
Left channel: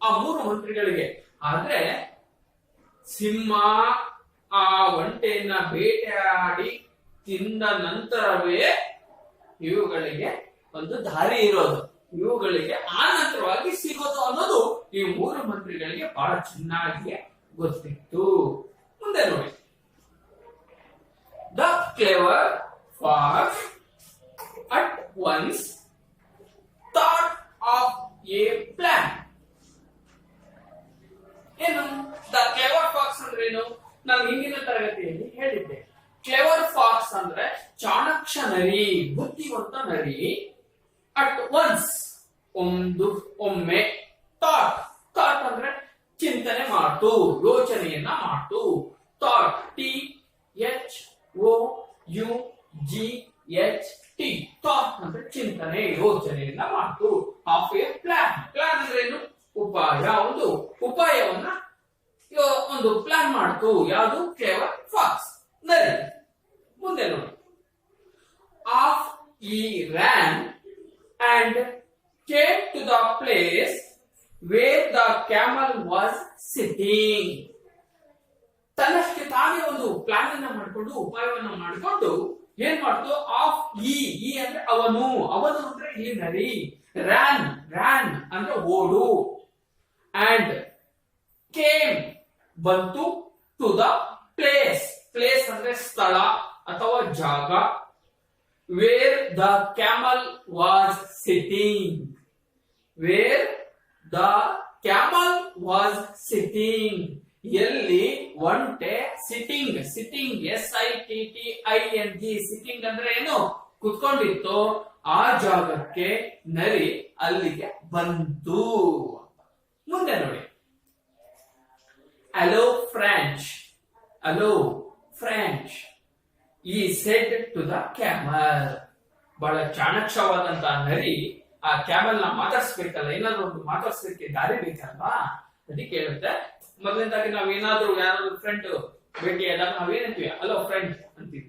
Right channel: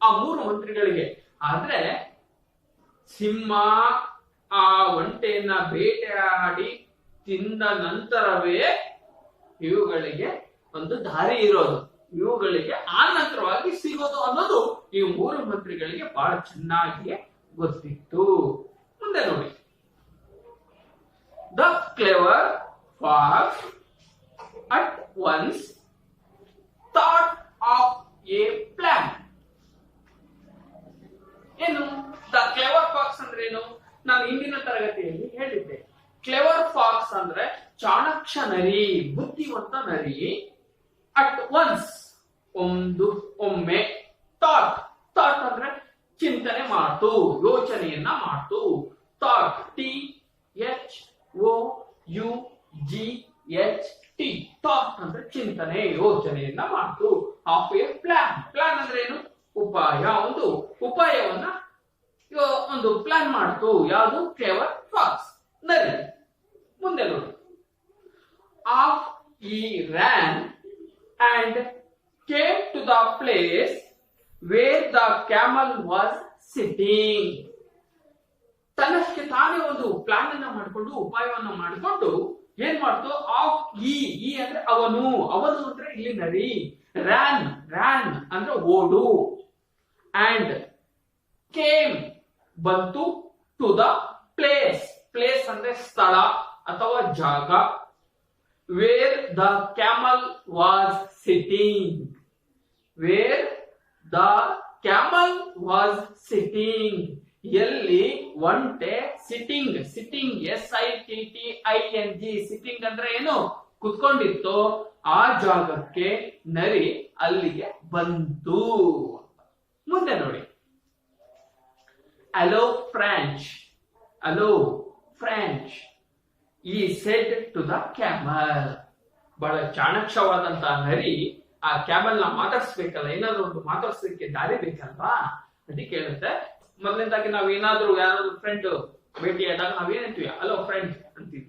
ಆ 3 ಮಂತ್ರಿಗಳಿಗೆ. ಆದ್ರೆ ಸಿಂಹ ಆ ಒಂಟೆಯನ್ನ ಬೇಟೆಯಾಡಿ ತಿಂದ ನಂತರವೇ ಇವುಗಳಿಗೆ ಒಂದು ದಾರಿ ಇರೋದು, ಇವುಗಳಿಗೆ ಆ ನಂತರವಾಗಿ ಸಿಗೋದು ಅನ್ನೋದು ಈ 3 ಮಂತ್ರಿಗಳಿಗೆ ಬಹಳ ಚೆನ್ನಾಗಿ ಗೊತ್ತಿತ್ತು. ಮುಂದೆ ನೋಡಿ, the clever fox at once thought of a plan. ಏನು ದ ಕ್ಲೆವರ್ ಫಾಕ್ಸ್ ಅಂದ್ರೆ ಏನು? ನಾನು ಹಿಂದಿನ ತರಗತಿಯಲ್ಲಿ ಹೇಳಿದ್ದೆ. ಕ್ಲೆವರ್ ಫಾಕ್ಸ್ ಅಂದ್ರೆ ಚಾಣಾಕ್ಷ ನರಿ, ಬುದ್ಧಿವಂತ ನರಿ. ಅಟ್ ಒನ್ಸ್ ಒಮ್ಮೆ, ಥಾಟ್ ಅಂದ್ರೆ ಚಿಂತನೆ ಮಾಡ್ತು, ಯೋಚನೆಯನ್ನ ಮಾಡ್ತು. ಥಾಟ್, THOUGHT GHT ಥಾಟ್ ಅಂದ್ರೆ ಚಿಂತನೆ, ಯೋಚನೆಯನ್ನ ಮಾಡ್ತು. ಆಫ್ ಎ ಪ್ಲಾನ್, ಪ್ಲಾನ್ ಅಂದ್ರೆ ಏನು? ಉಪಾಯ. ಒಂದು ಉಪಾಯವನ್ನ ಒಂದು ಪ್ಲಾನ್ ಮಾಡ್ತು. ಯಾವುದು? ಕ್ಲೇವರ್ ಫಾಕ್ಸ್, ನರಿ. ಮುಂದೆ ನೋಡಿ. ಆಫ್ ಈ ran and came to the place where the camel was sitting. ತನ್ನಷ್ಟಕ್ಕೆ ತಾನೇ ಒಂದು ಪ್ಲಾನ್ ಅನ್ನ ಮಾಡಿಕೊಂಡು, ಉಪಾಯವನ್ನ ಮಾಡಿಕೊಂಡು ಏನ್ ಮಾಡ್ತು? ಆಫ್ ಈ ಅಂದ್ರೆ ಅವನು, ಅವನು ಅಂದ್ರೆ ಇಲ್ಲಿ ನರಿ. ರ್ಯಾನ್, ರ್ಯಾನ್ ಅಂದ್ರೆ ಓಡು. ಅಂಡ್ ಕೇಮ್ ಬಂತು. ಟು ದ ಪ್ಲೇಸ್, ಪ್ಲೇಸ್ ಅಂದ್ರೆ ಸ್ಥಳ ಅಥವಾ ಜಾಗ. Where the camel was sitting, where the camel was sitting, ಎಲ್ಲಿ ಒಂಟೆ ಸಿಟಿಂಗ್, ಸಿಟಿಂಗ್ SITTING, ಸಿಟಿಂಗ್ ಅಂದ್ರೆ ಏನು? ಕುತ್ಕೊಂಡಿತ್ತು. ಆ ಜಾಗಕ್ಕೆ ನರಿ ಅಲ್ಲಿಗೆ ಬಂತು. ಮುಂದೆ ನೋಡಿ. Hello French, hello French he said to the camel. ಬಹಳ ಚಾಣಕ್ಷವಾದಂತಹ ನರಿ ಆ ಕ್ಯಾಮಲ್ ನ ಮಾತಾಡ್ಸ್ಬೇಕಲ್ಲ, ಏನಾದ್ರು ಒಂದು ಮಾತಾಡ್ಸಲಿಕ್ಕೆ ದಾರಿ ಬೇಕಲ್ವಾ? ಅದಕ್ಕೆ ಹೇಳುತ್ತೆ. ಮೊದಲನೇದಾಗಿ ನಾವ್ ಏನಾದ್ರು ಯಾರಾದ್ರೂ ಫ್ರೆಂಡ್ ಭೇಟಿಯಾದಾಗ ನಾವೇನಂತೀವಿ? ಅಲೋ ಫ್ರೆಂಡ್ ಅಂತೀವಿ,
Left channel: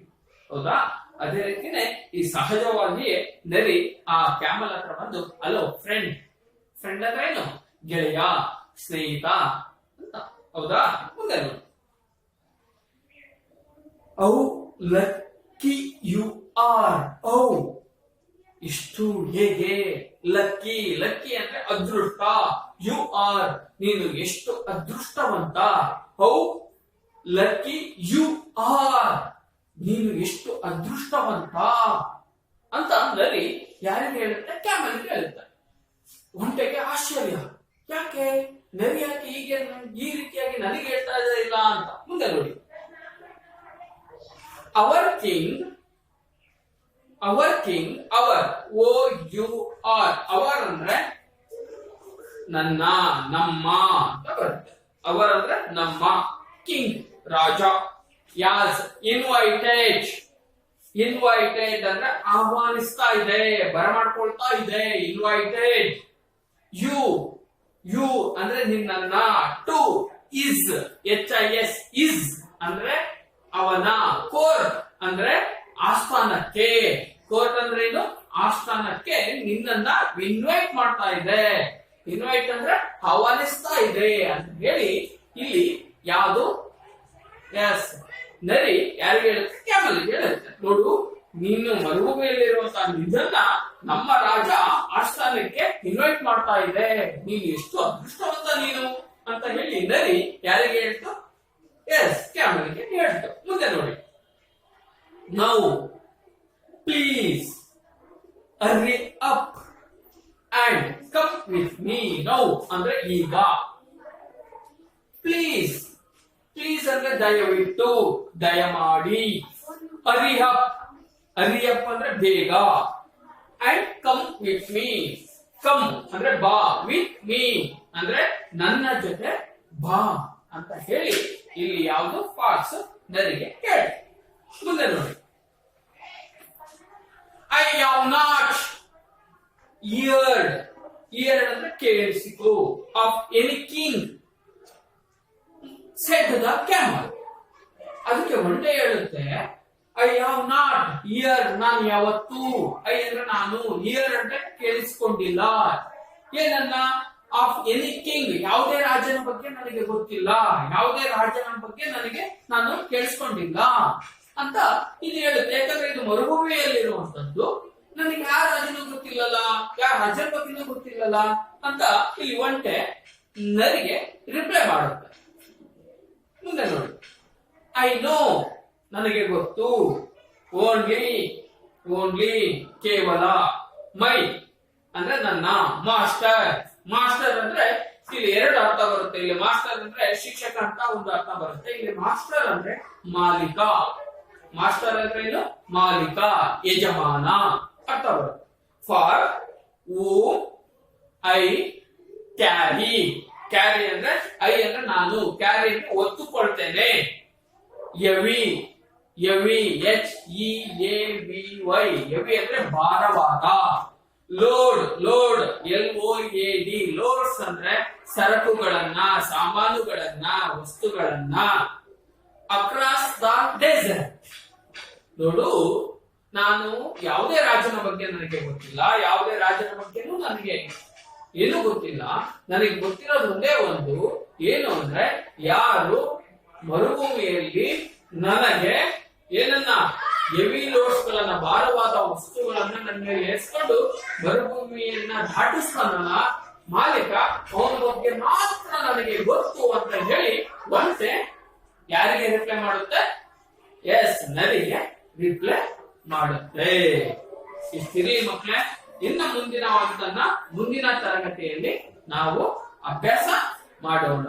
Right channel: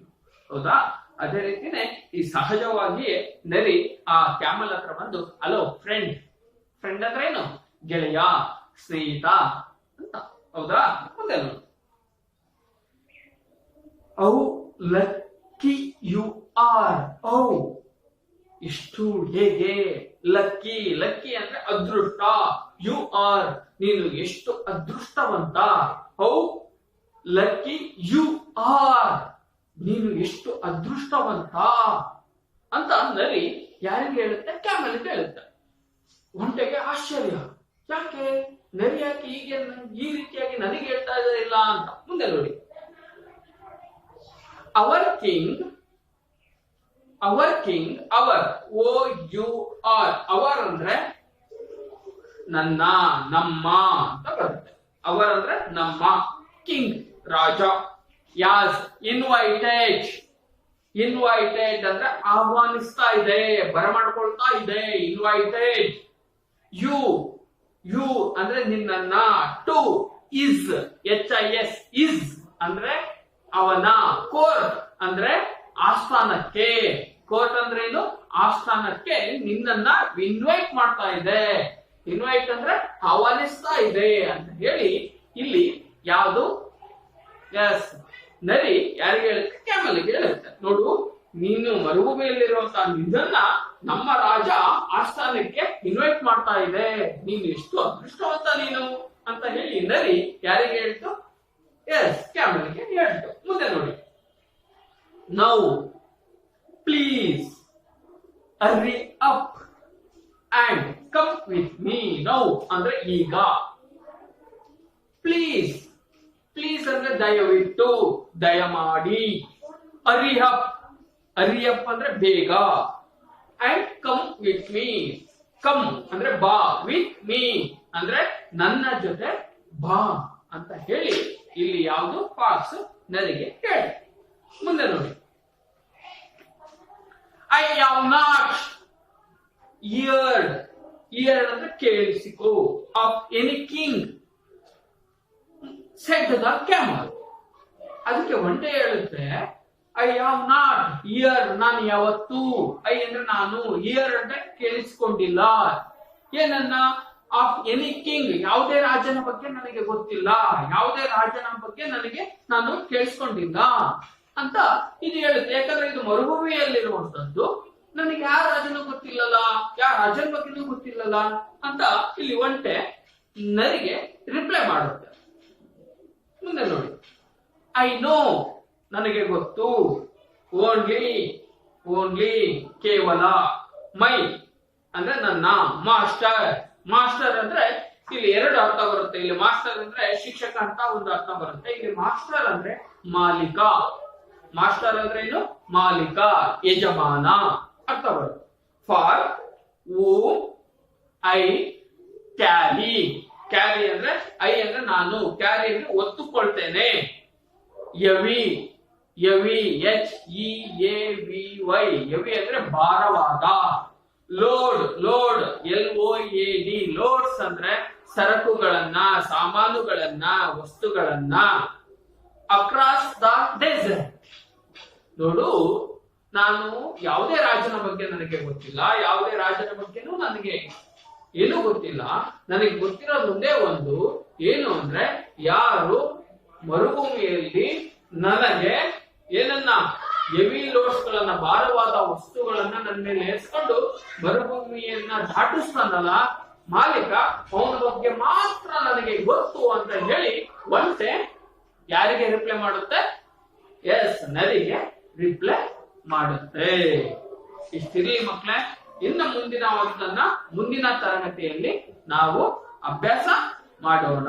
ಹೌದಾ? ಅದೇ ರೀತಿನೇ ಈ ಸಹಜವಾಗಿ ನರಿ ಆ ಕ್ಯಾಮಲ್ ಹತ್ರ ಬಂದು ಅಲೋ ಫ್ರೆಂಡ್, ಫ್ರೆಂಡ್ ಅಂದ್ರೆ ಏನು? ಗೆಳೆಯ, ಸ್ನೇಹಿತ ಅಂತ, ಹೌದಾ? ಮುಂದೆ ನೋಡಿ. ಔ ಲಕ್ಕಿ ಯು ಆರ್, ಔ ಇಷ್ಟು ಹೇಗೆ? ಲಕ್ಕಿ, ಲಕ್ಕಿ ಅಂದ್ರೆ ಅದೃಷ್ಟ. ಯು ಆರ್ ನೀನು ಎಷ್ಟು ಅದೃಷ್ಟವಂತ. ಹೌ ಲಕ್ಕಿ ಯು ಆರ್ ನೀನು ಎಷ್ಟು ಅದೃಷ್ಟವಂತ ಅಂತ ನರಿ ಯಾರಿಗೆ ಹೇಳುತ್ತೆ? ಕ್ಯಾಮಲ್ಗೆ ಹೇಳುತ್ತೆ. ಒಂಟೆಗೆ ಆಶ್ಚರ್ಯ, ಯಾಕೆ ನರಿ ಯಾಕೆ ಹೀಗೆ ಈ ರೀತಿಯಾಗಿ ನನಗೆ ಹೇಳ್ತಾ ಇಲ್ಲ ಅಂತ. ಮುಂದೆ ನೋಡಿ. Our king, our king, our OUR, our ಅಂದ್ರೆ ನನ್ನ, ನಮ್ಮ ಅಂತ ಬರುತ್ತೆ. ಅವರ್ ಅಂದ್ರೆ ನಮ್ಮ, ಕಿಂಗ್ ರಾಜ. ಯಾಸ್ ಇನ್ವೈಟೆಡ್, ಇನ್ವೈಟೆಡ್ ಅಂದ್ರೆ ಆಹ್ವಾನಿಸ್ತಾ ಇದೆ, ಬರಮಾಡ್ಕೊಳ್ತಾ ಇದೆ. ಇನ್ವೈಟೆಡ್. ಯು, ಯು ಅಂದ್ರೆ ನಿನ್ನನ್ನ. ಟು ಇಸ್ HIS, ಇಸ್ ಅಂದ್ರೆ ಅವನ. ಕೋರ್ಟ್ ಅಂದ್ರೆ ಆಸ್ಥಾನಕ್ಕೆ. ಕೋರ್ಟ್ ಅಂದ್ರೆ ಏನು? ಆಸ್ಥಾನಕ್ಕೆ ನಿನ್ನನ್ನ ಇನ್ವೈಟ್ ಮಾಡ್ತಾ ಇದೆ. ಇನ್ವೈಟ್ ಅಂದ್ರೆ ಆಹ್ವಾನಿಸ್ತಾ ಇದೆ ಅಂತ ಹೇಳಿ ಇಲ್ಲಿ ಯಾವುದು? ಎಸ್, ನರಿ ಯಾರಿಗೆ ಹೇಳುತ್ತೆ? ಕ್ಯಾಮಲ್ಗೆ ಹೇಳುತ್ತೆ. ನೋಡು, ನೀನು ಮರುಭೂಮಿಯಲ್ಲಿರುವಂತಹ ನಿನ್ನನ್ನ ನಮ್ಮ ರಾಜ ಆಸ್ಥಾನಕ್ಕೆ ಇನ್ವೈಟ್ ಮಾಡ್ತಾ ಇದೆ. ನೀನು ಎಷ್ಟು ಅದೃಷ್ಟವಂತ ನೀನು ಅಂತ ಹೇಳಿ ನರಿ ಯಾರಿಗೆ ಹೇಳ್ತು? ಎಸ್, ಕ್ಯಾಮಲ್ಗೆ ಹೇಳ್ತು. ಮುಂದೆ ನೋಡಿ. Now please hurry up and come with me. Now ಅಂದ್ರೆ ಈಗ. ಪ್ಲೀಸ್, ಪ್ಲೀಸ್ ಅಂದ್ರೆ ದಯವಿಟ್ಟು, ದಯಮಾಡಿ. ಹರ್ರಿ ಅಪ್, ಹರ್ರಿ ಅಪ್ ಅಂದ್ರೆ ಬೇಗ. And come with me, come ಅಂದ್ರೆ ಬಾ. ವಿತ್ ಮೀ ಅಂದ್ರೆ ನನ್ನ ಜೊತೆ ಬಾ ಅಂತ ಹೇಳಿ ಇಲ್ಲಿ ಯಾವುದು? ಫಾಕ್ಸ್ ನರಿಗೆ ಹೇಳಿ. ಮುಂದೆ ನೋಡಿ. I have not heard, heard ಅಂದ್ರೆ ಕೇಳಿಸಿಕೋ. Of any king said the camel. ಅದಕ್ಕೆ ಒಂಟೆ ಹೇಳುತ್ತೆ ಐ ಹ್ಯಾವ್ ನಾಟ್ ಇಯರ್, ನಾನು ಯಾವತ್ತು. ಐ ಅಂದ್ರೆ ನಾನು, ಇಯರ್ ಅಂದ್ರೆ ಕೇಳಿಸಿಕೊಂಡಿಲ್ಲ. ಏನನ್ನ? ಆಫ್ ಎನಿ ಕಿಂಗ್, ಯಾವುದೇ ರಾಜನ ಬಗ್ಗೆ ನನಗೆ ಗೊತ್ತಿಲ್ಲ, ಯಾವುದೇ ರಾಜನ ಬಗ್ಗೆ ನನಗೆ ನಾನು ಕೇಳಿಸ್ಕೊಂಡಿಲ್ಲ ಅಂತ ಇದು ಹೇಳುತ್ತೆ. ಯಾಕಂದ್ರೆ ಇದು ಮರುಭೂಮಿಯಲ್ಲಿರುವಂತದ್ದು, ನನಗೆ ಯಾವ ರಾಜನೂ ಗೊತ್ತಿಲ್ಲಲ್ಲ, ಯಾವ ರಾಜನ ಬಗ್ಗೆನೂ ಗೊತ್ತಿಲ್ಲಲ್ಲ ಅಂತ ಇಲ್ಲಿ ಒಂಟೆ ನರಿಗೆ ರಿಪ್ಲೈ ಮಾಡುತ್ತೆ. ಮುಂದೆ ನೋಡಿ. ಐ ನೋ ನನಗೆ ಗೊತ್ತು. ಓನ್ಲಿ, ಓನ್ಲಿ ಕೇವಲ. ಮೈ ಅಂದ್ರೆ ನನ್ನ. ಮಾಸ್ಟರ್, ಮಾಸ್ಟರ್ ಅಂದ್ರೆ ಇಲ್ಲಿ ಎರಡು ಅರ್ಥ ಬರುತ್ತೆ. ಇಲ್ಲಿ ಮಾಸ್ಟರ್ ಅಂದ್ರೆ ಶಿಕ್ಷಕ ಅಂತ ಒಂದು ಅರ್ಥ ಬರುತ್ತೆ. ಇಲ್ಲಿ ಮಾಸ್ಟರ್ ಅಂದ್ರೆ ಮಾಲೀಕ. ಮಾಸ್ಟರ್ ಅಂದ್ರೆ ಏನು? ಮಾಲೀಕ, ಯಜಮಾನ ಅರ್ಥ ಬರುತ್ತೆ. ಫಾರ್ ಓ ಐ ಕ್ಯಾರಿ, ಕ್ಯಾರಿ ಅಂದ್ರೆ ಐ ಅಂದ್ರೆ ನಾನು, ಕ್ಯಾರಿ ಅಂದ್ರೆ ಒತ್ತುಕೊಳ್ತೇನೆ. ಎವಿ, ಹೆವಿ, HEAVY, ಹೆವಿ ಅಂದ್ರೆ ಭಾರವಾದ. ಲೋಡ್, LOAD, ಲೋಡ್ಸ್ ಅಂದ್ರೆ ಸರಕುಗಳನ್ನ, ಸಾಮಾನುಗಳನ್ನ, ವಸ್ತುಗಳನ್ನ. Across the desert. ನೋಡು, ನಾನು ಯಾವುದೇ ರಾಜನ ಬಗ್ಗೆ ನನಗೆ ಗೊತ್ತಿಲ್ಲ, ಯಾವುದೇ ರಾಜನ ಬಗ್ಗೆನೂ ನನಗೆ ಏನು ಗೊತ್ತಿಲ್ಲ. ನನಗೆ ಗೊತ್ತಿರೋದು ಒಂದೇ ಒಂದು, ಏನು ಅಂದ್ರೆ ಯಾರು ಮರುಭೂಮಿಯಲ್ಲಿ ನನಗೆ ಏನನ್ನ ಹೆವಿ ಲೋಡ್ಸ್ ಗಳನ್ನ, ಭಾರವಾದ ವಸ್ತುಗಳನ್ನ ನನ್ನ ಮೇಲೆ ಏರ್ಸ್ಕೊಂಡು ಮರುಭೂಮಿಯನ್ನ ದಾಟಿಸ್ತಾನಲ್ಲ ಮಾಲೀಕ, ಅವನ ಬಗ್ಗೆ ಮಾತ್ರ ನನಗೆ ಗೊತ್ತು ಅಂತ ಹೇಳಿ ಒಂಟೆ ಯಾರಿಗೆ ರಿಪ್ಲೈ ಮಾಡುತ್ತೆ? ಎಸ್, ನರಿಗೆ ರಿಪ್ಲೈ ಮಾಡುತ್ತೆ. ಇಷ್ಟಿರಲಿ ಮಕ್ಕಳೇ. ಇನ್ನು ಮುಂದಿನ ತರಗತಿಯಲ್ಲಿ ನಾವು ಅಭ್ಯಾಸ ಮಾಡೋಣ.